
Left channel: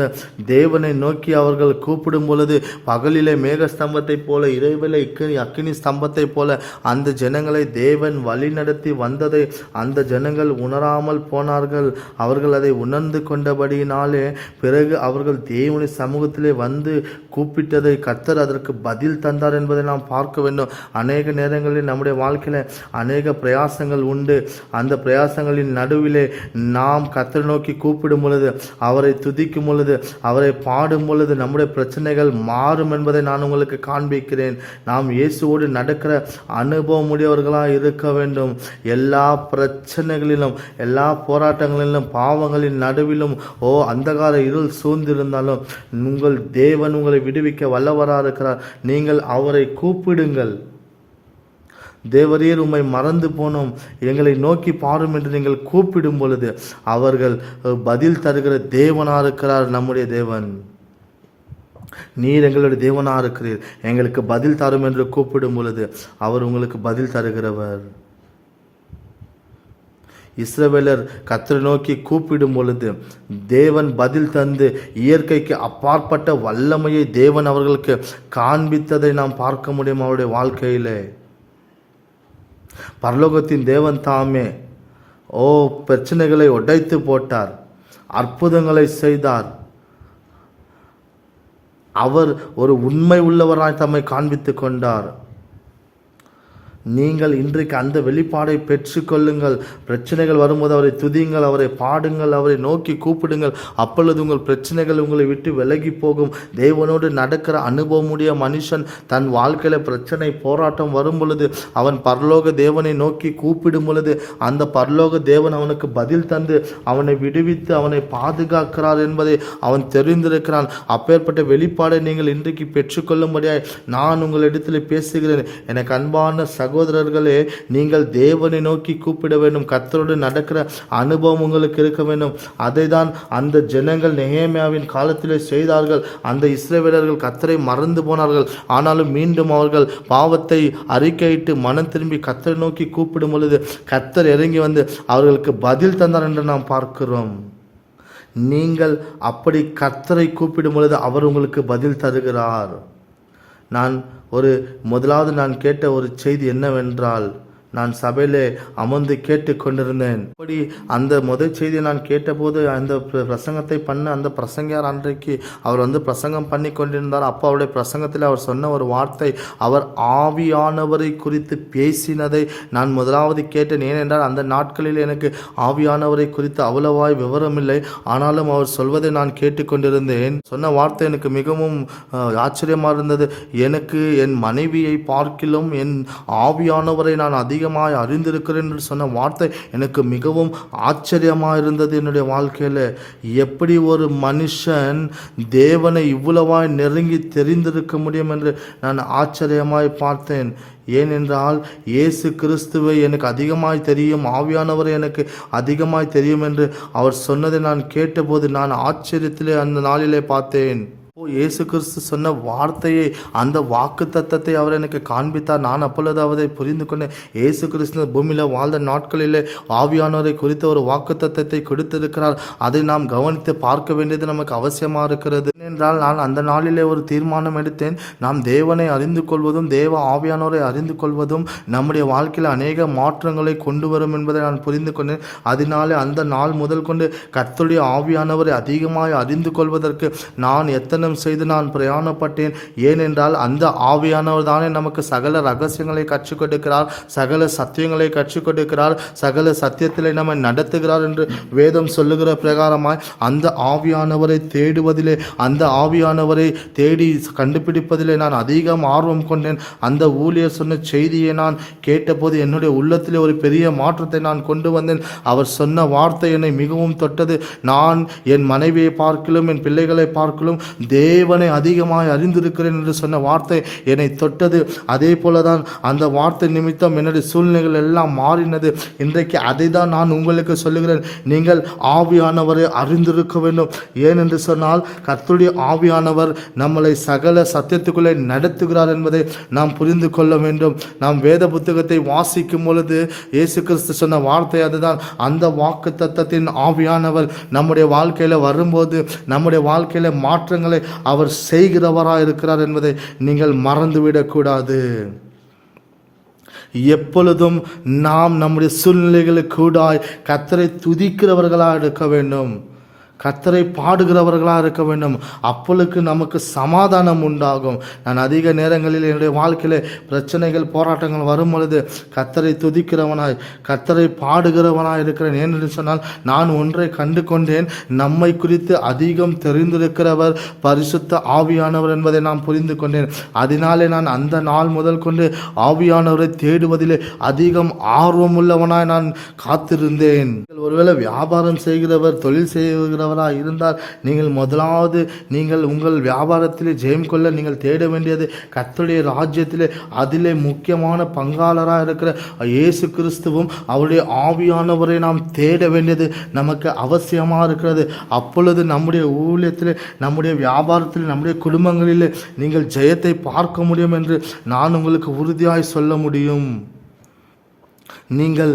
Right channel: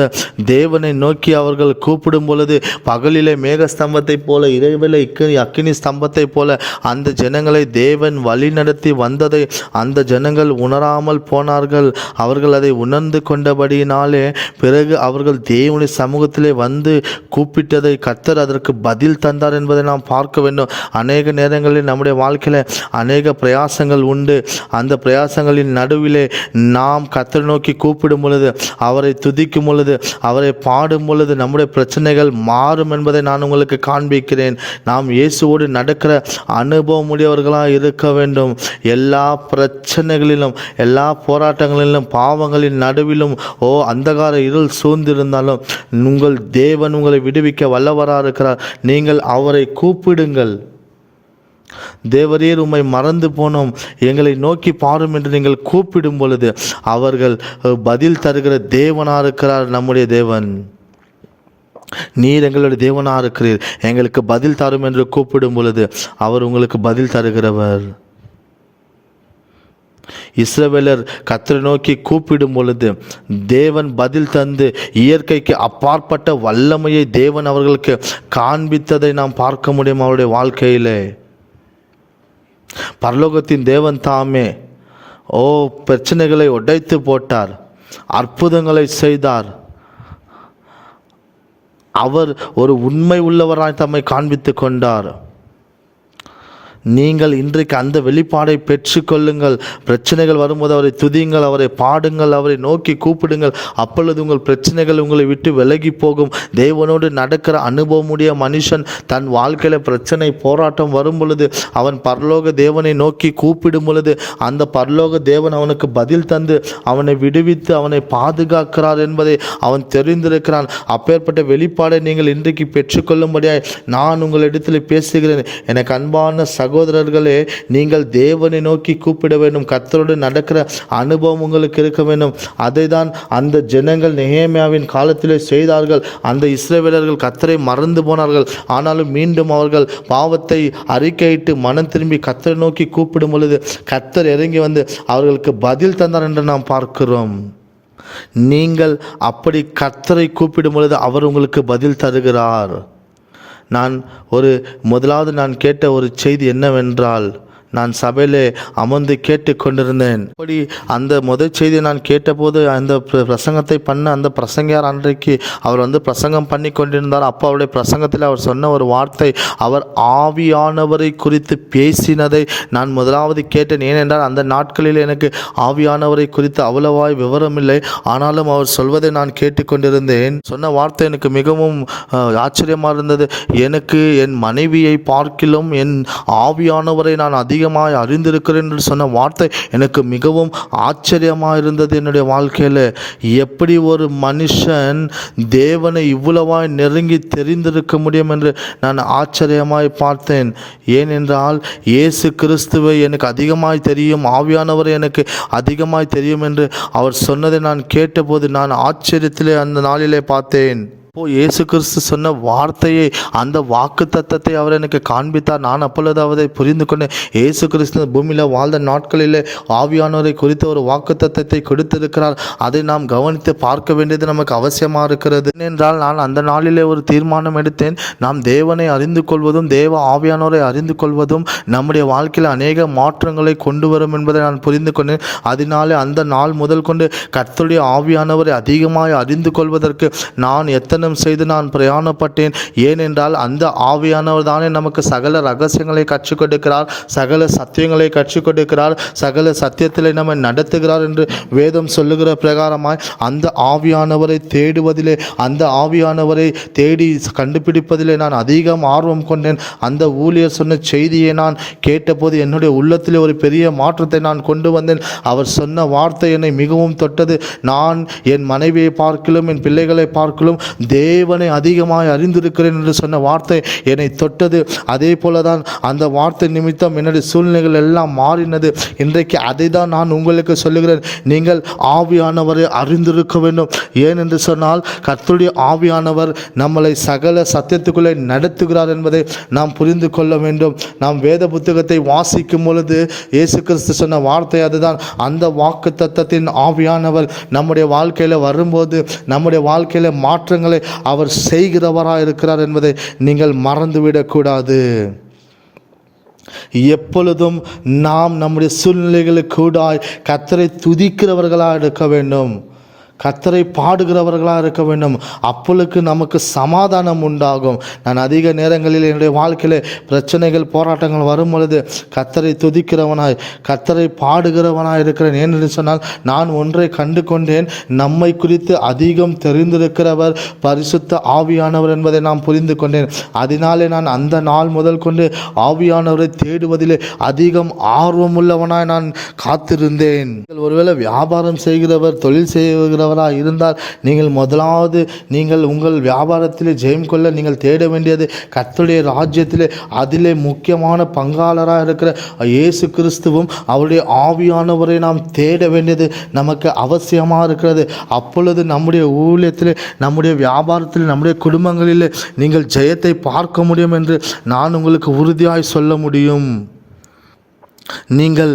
தேவனை நோக்கி அவர்கள் கூப்பிடும் பொழுது பகலிலே மேக ஸ்தம்பத்தை போல, இரவிலே அக்கினி ஸ்தம்பத்தை போல அந்த ஜனங்களை தேவன் வழி நடத்தி வந்ததை அந்த ஜனங்கள் உணராமல் போனார்கள். அவர்கள் அதை உணர்ந்து கொண்டபடியினாலே பிறகு அவர்கள் தேவனுடைய சமூகத்திலே வந்து கூப்பிட்டதை கர்த்தர் அதற்கு பதில் தந்தார் என்பதை நாம் பார்க்க வேண்டும். அநேக நேரங்களில் நம்முடைய வாழ்க்கையில் அநேக பிரயாசங்கள் உண்டு. அந்த பிரயாசங்களின் நடுவிலே நாம் கர்த்தரை நோக்கி கூப்பிடும் பொழுது, அவரை துதிக்கும் பொழுது, அவரை பாடும் பொழுது நம்முடைய பிரச்சனைகள் மாறும் என்பதை நான் உங்களுக்கு காண்பிக்கிறேன். நாம் இயேசுவோடு நடக்கிற அனுபவம் உடையவர்களாக இருக்க வேண்டும். எல்லா பிரச்சனைகளிலும், எல்லா போராட்டங்களிலும், பாவங்களின் நடுவிலும் அந்தகார இருள் சூழ்ந்திருந்தாலும் உங்கள் தேவன் உங்களை விடுவிக்க வல்லவராக இருக்கிறார். நீங்கள் அவரை கூப்பிடுங்கள். தேவரீர் உம்மை மறந்து போனோம், எங்களை நோக்கி பாரும் என்று நீங்கள் கூப்பிடும் பொழுது அவர்கள் பதில் தருகிற தேவனாக இருக்கிறார் நம்முடைய தேவன். நீர் எங்களுடைய தேவனாக இருக்கிறீர், எங்களுக்கு பதில் தரும் என்று கூப்பிடும் பொழுது அவர் உங்களுக்கு பதில் தருகிறவர். இஸ்ரவேலர் கர்த்தரை நோக்கி கூப்பிடும் பொழுது தேவன் பதில் தந்து இயற்கைக்கு அப்பாற்பட்ட வல்லமையை தேவன் அவர்களுக்கு காண்பித்ததை நாம் பார்க்க முடியும் அவருடைய வாழ்க்கையிலே. பரலோகத்தின் தேவன் தாமே பிரச்சனைகளை உடைத்து போட்டார், அற்புதங்களை செய்தார். அவர் ஒரு உண்மை உள்ளவராய் தம்மை காண்பித்து கொண்டார். நீங்கள் இன்றைக்கு அந்த வெளிப்பாடை பெற்றுக்கொள்ளுங்கள். பிரச்சனைகள் வரும்போது அவரை துதியுங்கள், அவரை பாடுங்கள், அவரை நோக்கி கூப்பிடுங்கள். அப்பொழுது உங்கள் பிரச்சனைகள் உங்களை விட்டு விலகி போகும். தேவனோடு நடக்கிற அனுபவமுடைய மனுஷன் தன் வாழ்க்கையில் பிரச்சனை போராட்டம் வரும் பொழுது அவன் பரலோக தேவனை நோக்கி கூப்பிடும் பொழுது அந்த பரலோக தேவன் அவனுக்கு பதில் தந்து அவனை விடுவித்து அவனை பாதுகாக்கிறார் என்பதை அவன் தெரிந்திருக்கிறான். அப்பேற்பட்ட வெளிப்பாடை நீங்கள் இன்றைக்கு பெற்றுக்கொள்ளும்படியாய் நான் உங்களிடத்தில் பேசுகிறேன். எனக்கு அன்பான சகோதரர்களே, நீங்கள் தேவனை நோக்கி கூப்பிட வேண்டும். கர்த்தரோடு நடக்கிற அனுபவம் உங்களுக்கு இருக்க வேண்டும். அதை தான் அந்த ஜனங்கள் நெகேமியாவின் காலத்திலே செய்தார்கள். அந்த இஸ்ரவேலர்கள் கர்த்தரை மறந்து போனார்கள். ஆனாலும் மீண்டும் அவர்கள் பாவத்தை அறிக்கையிட்டு மனம் திரும்பி கர்த்தரை நோக்கி கூப்பிடும் பொழுது கர்த்தர் இறங்கி வந்து அவர்களுக்கு பதில் தந்தார் என்று நாம் பார்க்கிறோம். நீங்கள் அப்படி கர்த்தரை கூப்பிடும் பொழுது அவர் உங்களுக்கு பதில் தருகிறார். முதலாவது நான் கேட்ட ஒரு செய்தி என்னவென்றால், நான் சபையிலே அமர்ந்து கேட்டு கொண்டிருந்தேன். அப்படி அந்த முதல் செய்தியை நான் கேட்டபோது அந்த பிரசங்கத்தை பண்ண அந்த பிரசங்கியார் அன்றைக்கு அவர் பிரசங்கம் பண்ணி கொண்டிருந்தார். அப்போ அவருடைய பிரசங்கத்தில் அவர் சொன்ன ஒரு வார்த்தை, அவர் ஆவியானவரை குறித்து பேசினதை நான் முதலாவது கேட்டேன். ஏனென்றால் அந்த நாட்களில் எனக்கு ஆவியானவரை குறித்து அவ்வளவாய் விவரமில்லை. ஆனாலும் அவர் சொல்வதை நான் கேட்டுக்கொண்டிருந்தேன். சொன்ன வார்த்தை எனக்கு மிகவும் ஆச்சரியமாக இருந்தது. எனக்கு என் மனைவியை பார்க்கிலும் என் ஆவியானவரை நான் அதிகமாய் அறிந்திருக்கிறேன் என்று சொன்ன வார்த்தை எனக்கு மிகவும் ஆச்சரியமாக இருந்தது. என்னுடைய வாழ்க்கையில் எப்படி ஒரு மனுஷன் தேவனை இவ்வளவாய் நெருங்கி தெரிந்திருக்க முடியும் என்று நான் ஆச்சரியமாய் பார்த்தேன். ஏனென்றால் இயேசு கிறிஸ்துவை எனக்கு அதிகமாய் தெரியும், ஆவியானவரை எனக்கு அதிகமாய் தெரியும் என்று அவர் சொன்னதை நான் கேட்டபோது நான் ஆச்சரியத்திலே அந்த நாளிலே பார்த்தேன். இயேசு கிறிஸ்து சொன்ன வார்த்தையை, அந்த வாக்கு தத்தத்தை அவர் எனக்கு காண்பித்தார். நான் அப்பொழுது அவரை புரிந்து கொண்டேன். இயேசு கிறிஸ்து பூமியில் வாழ்ந்த நாட்களிலே ஆவியானவரை குறித்த ஒரு வாக்கு தத்தத்தை கொடுத்திருக்கிறார். அதை நாம் கவனித்து பார்க்க வேண்டியது நமக்கு அவசியமாக இருக்கிறது. ஏனென்றால் நான் அந்த நாளிலே ஒரு தீர்மானம் எடுத்தேன். நாம் தேவனை அறிந்து கொள்வதும் தேவ ஆவியானவரை அறிந்து கொள்வதும் நம்முடைய வாழ்க்கையில் அநேக மாற்றங்களை கொண்டு வரும் என்பதை நான் புரிந்து கொண்டேன். அதனாலே அந்த நாள் முதல் கொண்டு கர்த்தருடைய ஆவியானவரை அதிகமாக அறிந்து கொள்வதற்கு நான் எத்தனை செய்து நான் பிரயாணப்பட்டேன். ஏனென்றால் அந்த ஆவியானவர் தானே நமக்கு சகல ரகசியங்களை கற்றுக் கொடுக்கிறார், சகல சத்தியங்களை கற்றுக் கொடுக்கிறார், சகல சத்தியத்திலே நம்மை நடத்துகிறார் என்று வேதம் சொல்லுகிற பிரகாரமாய் அந்த ஆவியானவரை தேடுவதிலே, அந்த ஆவியானவரை தேடி கண்டுபிடிப்பதிலே நான் அதிகம் ஆர்வம் கொண்டேன். அந்த ஊழியர் சொன்ன செய்தியை நான் கேட்டபோது என்னுடைய உள்ளத்திலே ஒரு பெரிய மாற்றத்தை நான் கொண்டு வந்தேன். அவர் சொன்ன வார்த்தை என்னை மிகவும் தொட்டது. நான் என் மனைவியை பார்க்கலும் என் பிள்ளைகளை பார்க்கலும் தேவனை அதிகமாக அறிந்திருக்கிறேன் என்று சொன்ன வார்த்தை என்னை தொட்டது. அதே போல தான் அந்த வார்த்தை நிமித்தம் என்னுடைய சூழ்நிலைகள் எல்லாம் மாறினது. இன்றைக்கு அதை தான் நான் உங்களுக்கு சொல்லுகிறேன். நீங்கள் ஆவியானவரை அறிந்திருக்க வேண்டும். ஏன் என்று சொன்னால் கர்த்தருடைய ஆவியானவர் நம்மளை சகல சத்தியத்துக்குள்ளே நடத்துகிறார் என்பதை நாம் புரிந்து கொள்ள வேண்டும். நாம் வேத புத்தகத்தை வாசிக்கும் பொழுது இயேசு கிறிஸ்து சொன்ன வார்த்தை அதுதான். அந்த வாக்கு தத்தத்தின் ஆவியானவர் நம்முடைய வாழ்க்கையில் வரும்போது நம்முடைய வாழ்க்கையில் மாற்றங்களை அவர் செய்கிறவராக இருக்கிறார் என்பதை நீங்கள் மறந்துவிடக்கூடாது. எப்பொழுதும் நாம் நம்முடைய சூழ்நிலைகளுக்கு கூடாய் கர்த்தரை துதிக்கிறவர்களாக இருக்க வேண்டும், கர்த்தரை பாடுகிறவர்களாக இருக்க வேண்டும். அப்பொழுது நமக்கு சமாதானம் உண்டாகும். நான் அதிக நேரங்களில் என்னுடைய வாழ்க்கையில் பிரச்சனைகள் போராட்டங்கள் வரும் பொழுது கர்த்தரை துதிக்கிறவனாய் கர்த்தரை பாடுகிறவனாய் இருக்கிறேன். ஏனென்று சொன்னால் நான் ஒன்றை கண்டு கொண்டேன். நம்மை குறித்து அதிகம் தெரிந்திருக்கிறவர் பரிசுத்த ஆவியானவர் என்பதை நான் புரிந்து கொண்டேன். அதனாலே நான் அந்த நாள் முதல் கொண்டு ஆவியானவரை தேடுவதிலே அதிகம் ஆர்வமுள்ளவனாய் நான் காத்திருந்தேன். ஒருவேளை வியாபாரம் செய்கிறவர், தொழில் செய்கிறவர் இருந்தால் நீங்கள் முதலாவது நீங்கள் உங்கள் வியாபாரத்திலே ஜெயம் கொள்ள நீங்கள் தேட வேண்டியது கர்த்தருடைய ராஜ்யத்திலே அதிலே முக்கியமான பங்காளராக இருக்கிற இயேசு கிறிஸ்துவும் அவருடைய ஆவியானவரை நாம் தேட வேண்டியது நமக்கு அவசியமாக இருக்கிறது. அப்பொழுது நம்முடைய ஊழியத்திலே, நம்முடைய வியாபாரத்தில், நம்முடைய குடும்பங்களிலே நீங்கள் ஜெயத்தை பார்க்க முடியும் என்று நான் உங்களுக்கு உறுதியாய் சொல்ல முடியும். நீங்கள்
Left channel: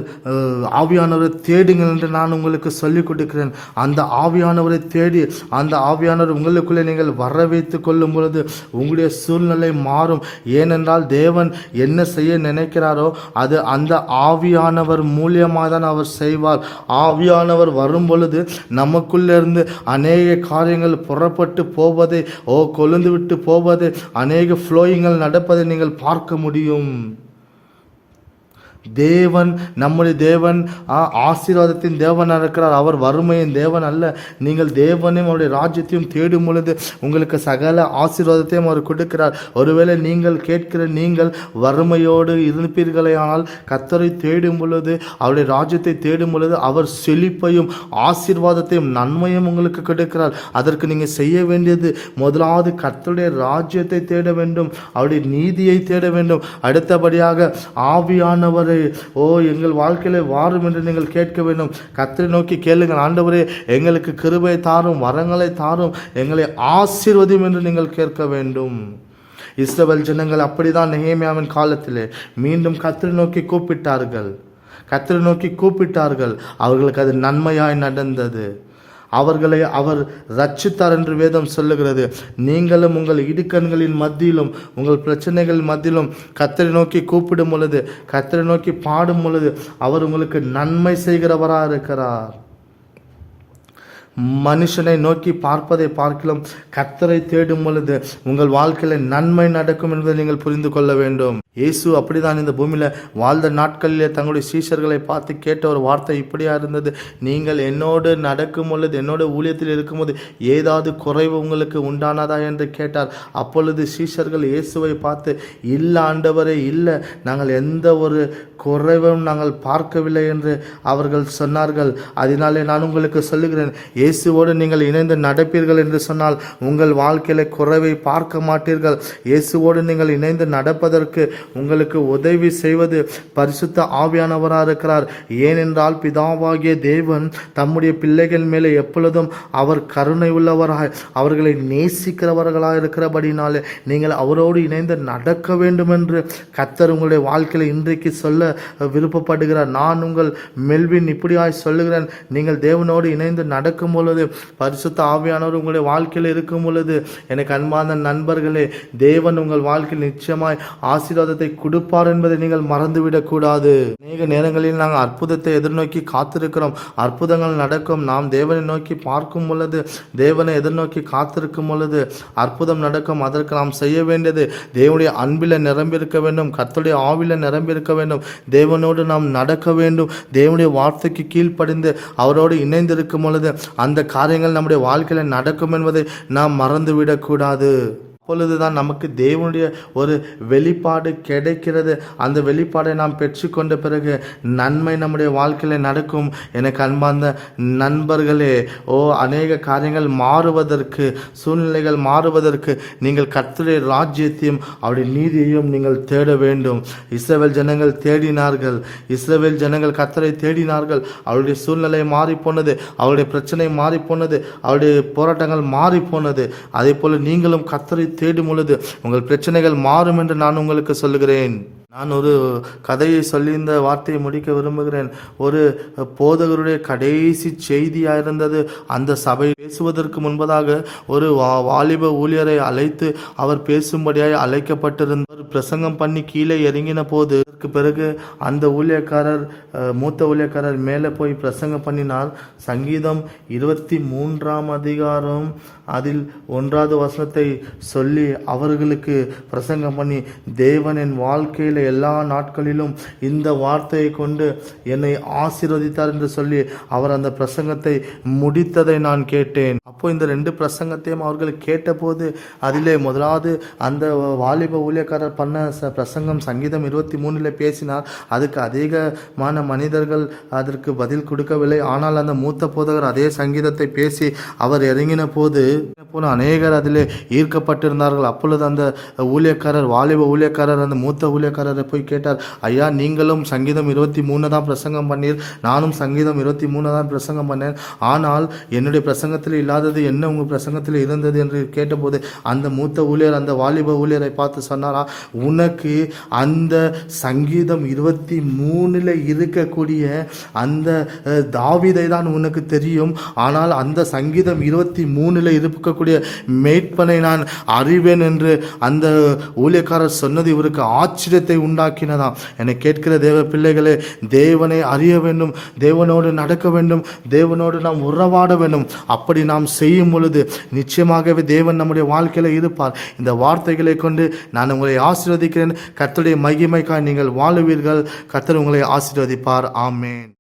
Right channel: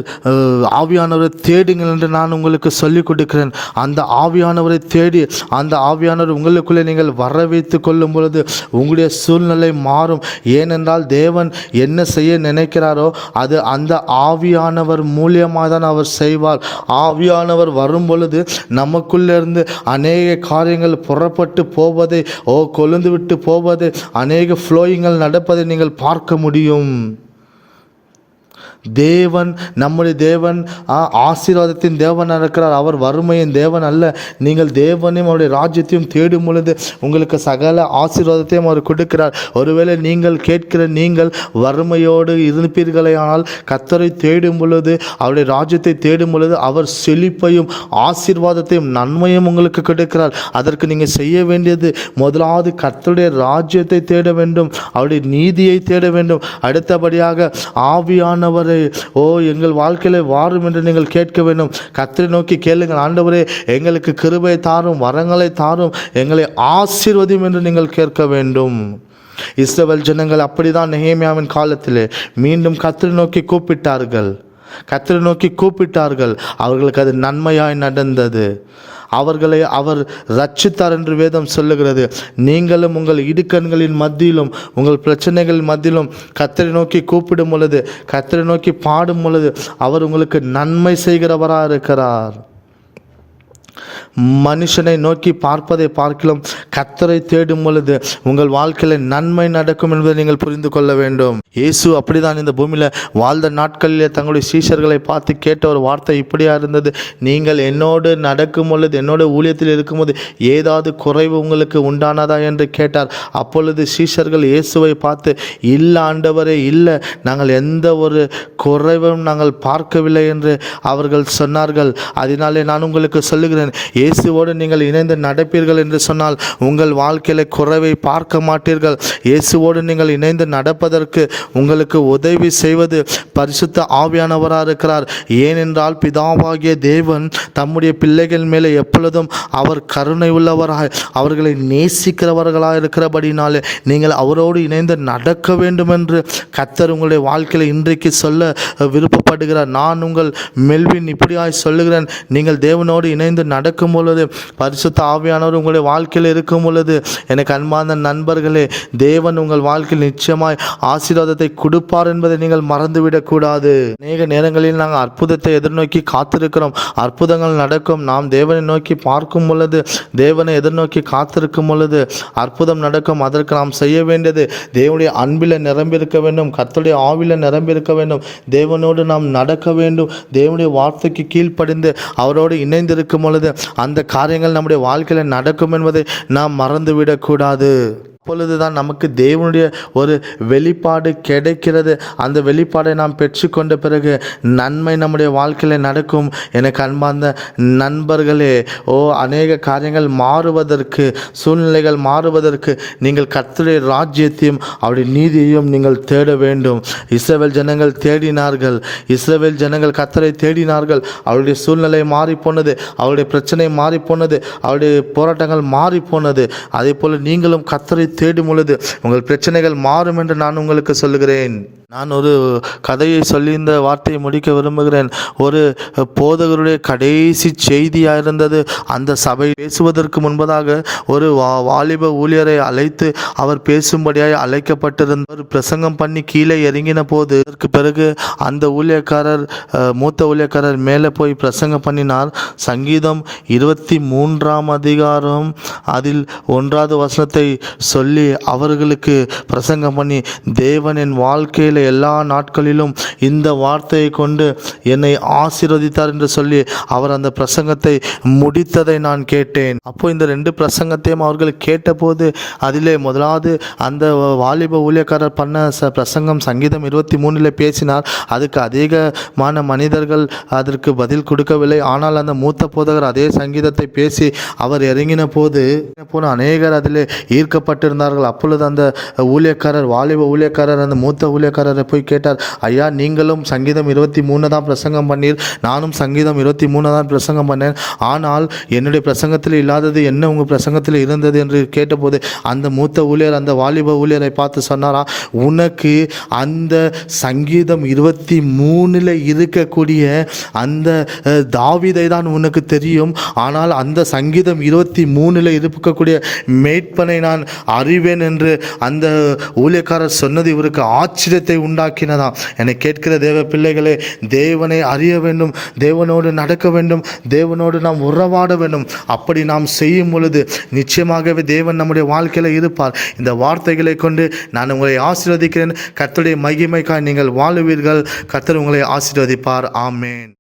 ஆவியானவரை தேடுங்கள் என்று நான் உங்களுக்கு சொல்லிக் கொடுக்கிறேன். அந்த ஆவியானவரை தேடி அந்த ஆவியானவர் உங்களுக்குள்ளே நீங்கள் வர வைத்து கொள்ளும் பொழுது உங்களுடைய சூழ்நிலை மாறும். ஏனென்றால் தேவன் என்ன செய்ய நினைக்கிறாரோ அது அந்த ஆவியானவர் மூலியமாக தான் அவர் செய்வார். ஆவியானவர் வரும் பொழுது நமக்குள்ளேருந்து அநேக காரியங்கள் புறப்பட்டு போவதை, கொழுந்து விட்டு போவதை, அநேக ஃப்ளோயிங்கள் நடப்பதை நீங்கள் பார்க்க முடியும். தேவன், நம்முடைய தேவன் ஆசீர்வாதத்தின் தேவனாக இருக்கிறார். அவர் வறுமையின் தேவன் அல்ல. நீங்கள் தேவனையும் அவருடைய ராஜ்யத்தையும் தேடும் பொழுது உங்களுக்கு சகல ஆசீர்வாதத்தையும் அவர் கொடுக்கிறார். ஒருவேளை நீங்கள் நீங்கள் வறுமையோடு இருப்பீர்களானால் கர்த்தரை தேடும் பொழுது, அவருடைய ராஜ்யத்தை தேடும் பொழுது அவர் செழிப்பையும் ஆசீர்வாதத்தையும் நன்மையும் உங்களுக்கு கொடுக்கிறார். அதற்கு நீங்கள் செய்ய வேண்டியது முதலாவது கர்த்தருடைய ராஜ்யத்தை தேட வேண்டும், அவருடைய நீதியை தேட வேண்டும். அடுத்தபடியாக ஆவியானவரை எங்கள் வாழ்க்கையில வாரும் என்று நீங்கள் கேட்க வேண்டும். கர்த்தரை நோக்கி கேளுங்கள், ஆண்டவரே எங்களுக்கு கிருபை தாரும், வரங்களை தாரும், எங்களை ஆசீர்வதியும் என்று நீங்கள் கேட்க வேண்டும். இஸ்ரவேல் ஜனங்கள் அப்படிதான் நெகேமியாவின் காலத்திலே மீண்டும் கர்த்தரை நோக்கி கூப்பிட்டார்கள். அவர்களுக்கு அது நன்மையாய் நடந்தது. அவர்களை அவர் ரட்சித்தார் என்று வேதம் சொல்லுகிறது. நீங்களும் உங்கள் இடுக்கண்களின் மத்தியிலும் உங்கள் பிரச்சனைகள் மத்தியிலும் கர்த்தரை நோக்கி கூப்பிடும் பொழுது, கர்த்தரை நோக்கி பாடும் பொழுது அவர் உங்களுக்கு நன்மை செய்கிறவராக இருக்கிறார். மனுஷனை நோக்கி பார்ப்பதை பார்க்கலாம் கர்த்தரை தேடும் பொழுது உங்கள் வாழ்க்கையில் நன்மை நடக்கும் என்பதை நீங்கள் புரிந்து கொள்ள வேண்டும். இயேசு அப்படிதான் இந்த பூமியில் வாழ்ந்த நாட்களிலே தங்களுடைய சீஷர்களை பார்த்து கேட்ட ஒரு வார்த்தை இப்படியா இருந்தது, நீங்கள் என்னோடு நடக்கும் பொழுது, என்னோட ஊழியத்தில் இருக்கும்போது ஏதாவது குறைவு உங்களுக்கு உண்டானதா என்று கேட்டார். அப்பொழுது சீஷர்கள் இயேசுவை பார்த்து, இல்லை ஆண்டவரே, இல்லை, நாங்கள் எந்த ஒரு குறைவும் நாங்கள் பார்க்கவில்லை என்று அவர்கள் சொன்னார்கள். அதனாலே நான் உங்களுக்கு சொல்லுகிறேன், இயேசுவோடு நீங்கள் இணைந்து நடப்பீர்கள் என்று சொன்னால் உங்கள் வாழ்க்கையில் குறைவை பார்க்க மாட்டீர்கள். இயேசுவோடு நீங்கள் இணைந்து நடப்பதற்கு உங்களுக்கு உதவி செய்வது பரிசுத்த ஆவியானவராக இருக்கிறார். ஏனென்றால் பிதாவாகிய தேவன் தம்முடைய பிள்ளைகள் மேலே எப்பொழுதும் அவர் கருணை உள்ளவராய் அவர்களை நேசிக்கிறவர்களாக இருக்கிறபடினாலே நீங்கள் அவரோடு இணைந்து நடக்க வேண்டும் என்று கர்த்தர் உங்களுடைய வாழ்க்கையில் இன்றைக்கு சொல்ல விருப்பப்படுகிறார். நான் உங்கள் மெல்வின் இப்படியாய் சொல்லுகிறேன், நீங்கள் தேவனோடு இணைந்து நடக்கும் பொழுது, பரிசுத்த ஆவியானவர் உங்களுடைய வாழ்க்கையில் இருக்கும் பொழுது, எனக்கு அன்பான நண்பர்களே, தேவன் உங்கள் வாழ்க்கையில் நிச்சயமாய் ஆசீர்வாதத்தை கொடுப்பார் என்பதை நீங்கள் மறந்துவிடக்கூடாது. அநேக நேரங்களில் நாங்கள் அற்புதத்தை எதிர்நோக்கி காத்திருக்கிறோம். அற்புதங்கள் நடக்கும். நாம் தேவனை நோக்கி பார்க்கும் பொழுது, தேவனை எதிர்நோக்கி காத்திருக்கும் பொழுது அற்புதம் நடக்கும். அதற்கு நாம் செய்ய வேண்டியது தேவனுடைய அன்பில் நிரம்பியிருக்க வேண்டும், கர்த்தருடைய ஆவியில் நிரம்பியிருக்க வேண்டும், தேவனோடு நாம் நடக்க வேண்டும், தேவனுடைய வார்த்தைக்கு கீழ்ப்படிந்து அவரோடு இணைந்திருக்கும் பொழுது அந்த காரியங்கள் நம்முடைய வாழ்க்கையில் நடக்கும் என்பதை நாம் மறந்துவிடக்கூடாது. அப்பொழுதுதான் நமக்கு தேவனுடைய ஒரு வெளிப்பாடு கிடைக்கிறது. அந்த வெளிப்பாடை நாம் பெற்றுக்கொண்ட பிறகு நன்மை நம்முடைய வாழ்க்கையில் நடக்கும். எனக்கு அன்பார்ந்த நண்பர்களே, அநேக காரியங்கள் மாறுவதற்கு, சூழ்நிலைகள் மாறுவதற்கு நீங்கள் கர்த்தருடைய ராஜ்யத்தையும் அவருடைய நீதியையும் நீங்கள் தேட வேண்டும். இஸ்ரவேல் ஜனங்கள் தேடினார்கள். இஸ்ரவேல் ஜனங்கள் கர்த்தரை தேடினார்கள். அவருடைய சூழ்நிலை மாறிப்போனது, அவருடைய பிரச்சனை மாறிப்போனது, அவருடைய போராட்டங்கள் மாறிப்போனது. அதே போல் நீங்களும் கர்த்தரை தேடும் பொழுது உங்கள் பிரச்சனைகள் மாறும் என்று நான் உங்களுக்கு சொல்லுகிறேன். நான் ஒரு கதையை சொல்லி இந்த வார்த்தையை முடிக்க விரும்புகிறேன். ஒரு போதகருடைய கடைசி செய்தியாக இருந்தது. அந்த சபை பேசுவதற்கு முன்பதாக ஒரு வாலிப ஊழியரை அழைத்து அவர் பேசும்படியாக அழைக்கப்பட்டிருந்தார். பிரசங்கம் பண்ணி கீழே இறங்கின போது, அதற்கு பிறகு அந்த ஊழியக்காரர், மூத்த ஊழியக்காரர் மேலே போய் பிரசங்கம் பண்ணினார். சங்கீதம் 23ஆம் அதிகாரம் அதில் 1வது வசனத்தை சொல்லி அவர்களுக்கு பிரசங்கம் பண்ணி, தேவன் என் வாழ்க்கையில் எல்லா நாட்களிலும் இந்த வார்த்தையை கொண்டு என்னை ஆசீர்வதித்தார் என்று சொல்லி அவர் அந்த பிரசங்கத்தை முடித்ததை நான் கேட்டேன். அப்போ இந்த 2 பிரசங்கத்தையும் அவர்கள் கேட்டபோது அதிலே முதலாவது அந்த வாலிப ஊழியக்காரர் பண்ண பிரசங்கம் சங்கீதம் 23 பேசினார். அதுக்கு அதிகமான மனிதர்கள் அதற்கு பதில் கொடுக்கவில்லை. ஆனால் அந்த மூத்த போதகர் அதே சங்கீதத்தை பேசி அவர் இறங்கின போது அநேகர் அதிலே ஈர்க்கப்பட்டிருந்தார்கள். அப்பொழுது அந்த ஊழியக்காரர், வாலிப ஊழியக்காரர் அந்த மூத்த ஊழியக்காரரை போய் கேட்டார், ஐயா, நீங்களும் சங்கீதம் 23 தான் பிரசங்கம் பண்ணீர், நானும் சங்கீதம் 23 தான் பிரசங்கம் பண்ணேன், ஆனால் என்னுடைய பிரசங்கத்தில் இல்லாதது என்ன உங்கள் பிரசங்கத்தில் இருந்தது என்று கேட்டபோது அந்த மூத்த ஊழியர் அந்த வாலிப ஊழியரை பார்த்து சொன்னாரா, உனக்கு அந்த சங்கீதம் 23 இருக்கக்கூடிய அந்த தாவீதை தான் உனக்கு தெரியும், ஆனால் அந்த சங்கீதம் 23 இருக்கக்கூடிய மேய்ப்பனை நான் அறிவேன் என்று அந்த ஊழியக்காரர் சொன்னது இவருக்கு ஆச்சரியத்தை உண்டாக்கினதாம். என்னை கேட்கிற தேவ பிள்ளைகளே, தேவனை அறிய வேண்டும், தேவனோடு நடக்க வேண்டும், தேவனோடு நாம் உறவாட வேண்டும். அப்படி நாம் செய்யும் பொழுது நிச்சயமாகவே தேவன் நம்முடைய வாழ்க்கையில் இருப்பார். இந்த வார்த்தைகளை கொண்டு நான் உங்களை ஆசீர்வதிக்கிறேன். கர்த்தருடைய மகிமைக்காய் நீங்கள் வாழுவீர்கள். கர்த்தர் உங்களை ஆசீர்வதிப்பார். ஆமென்.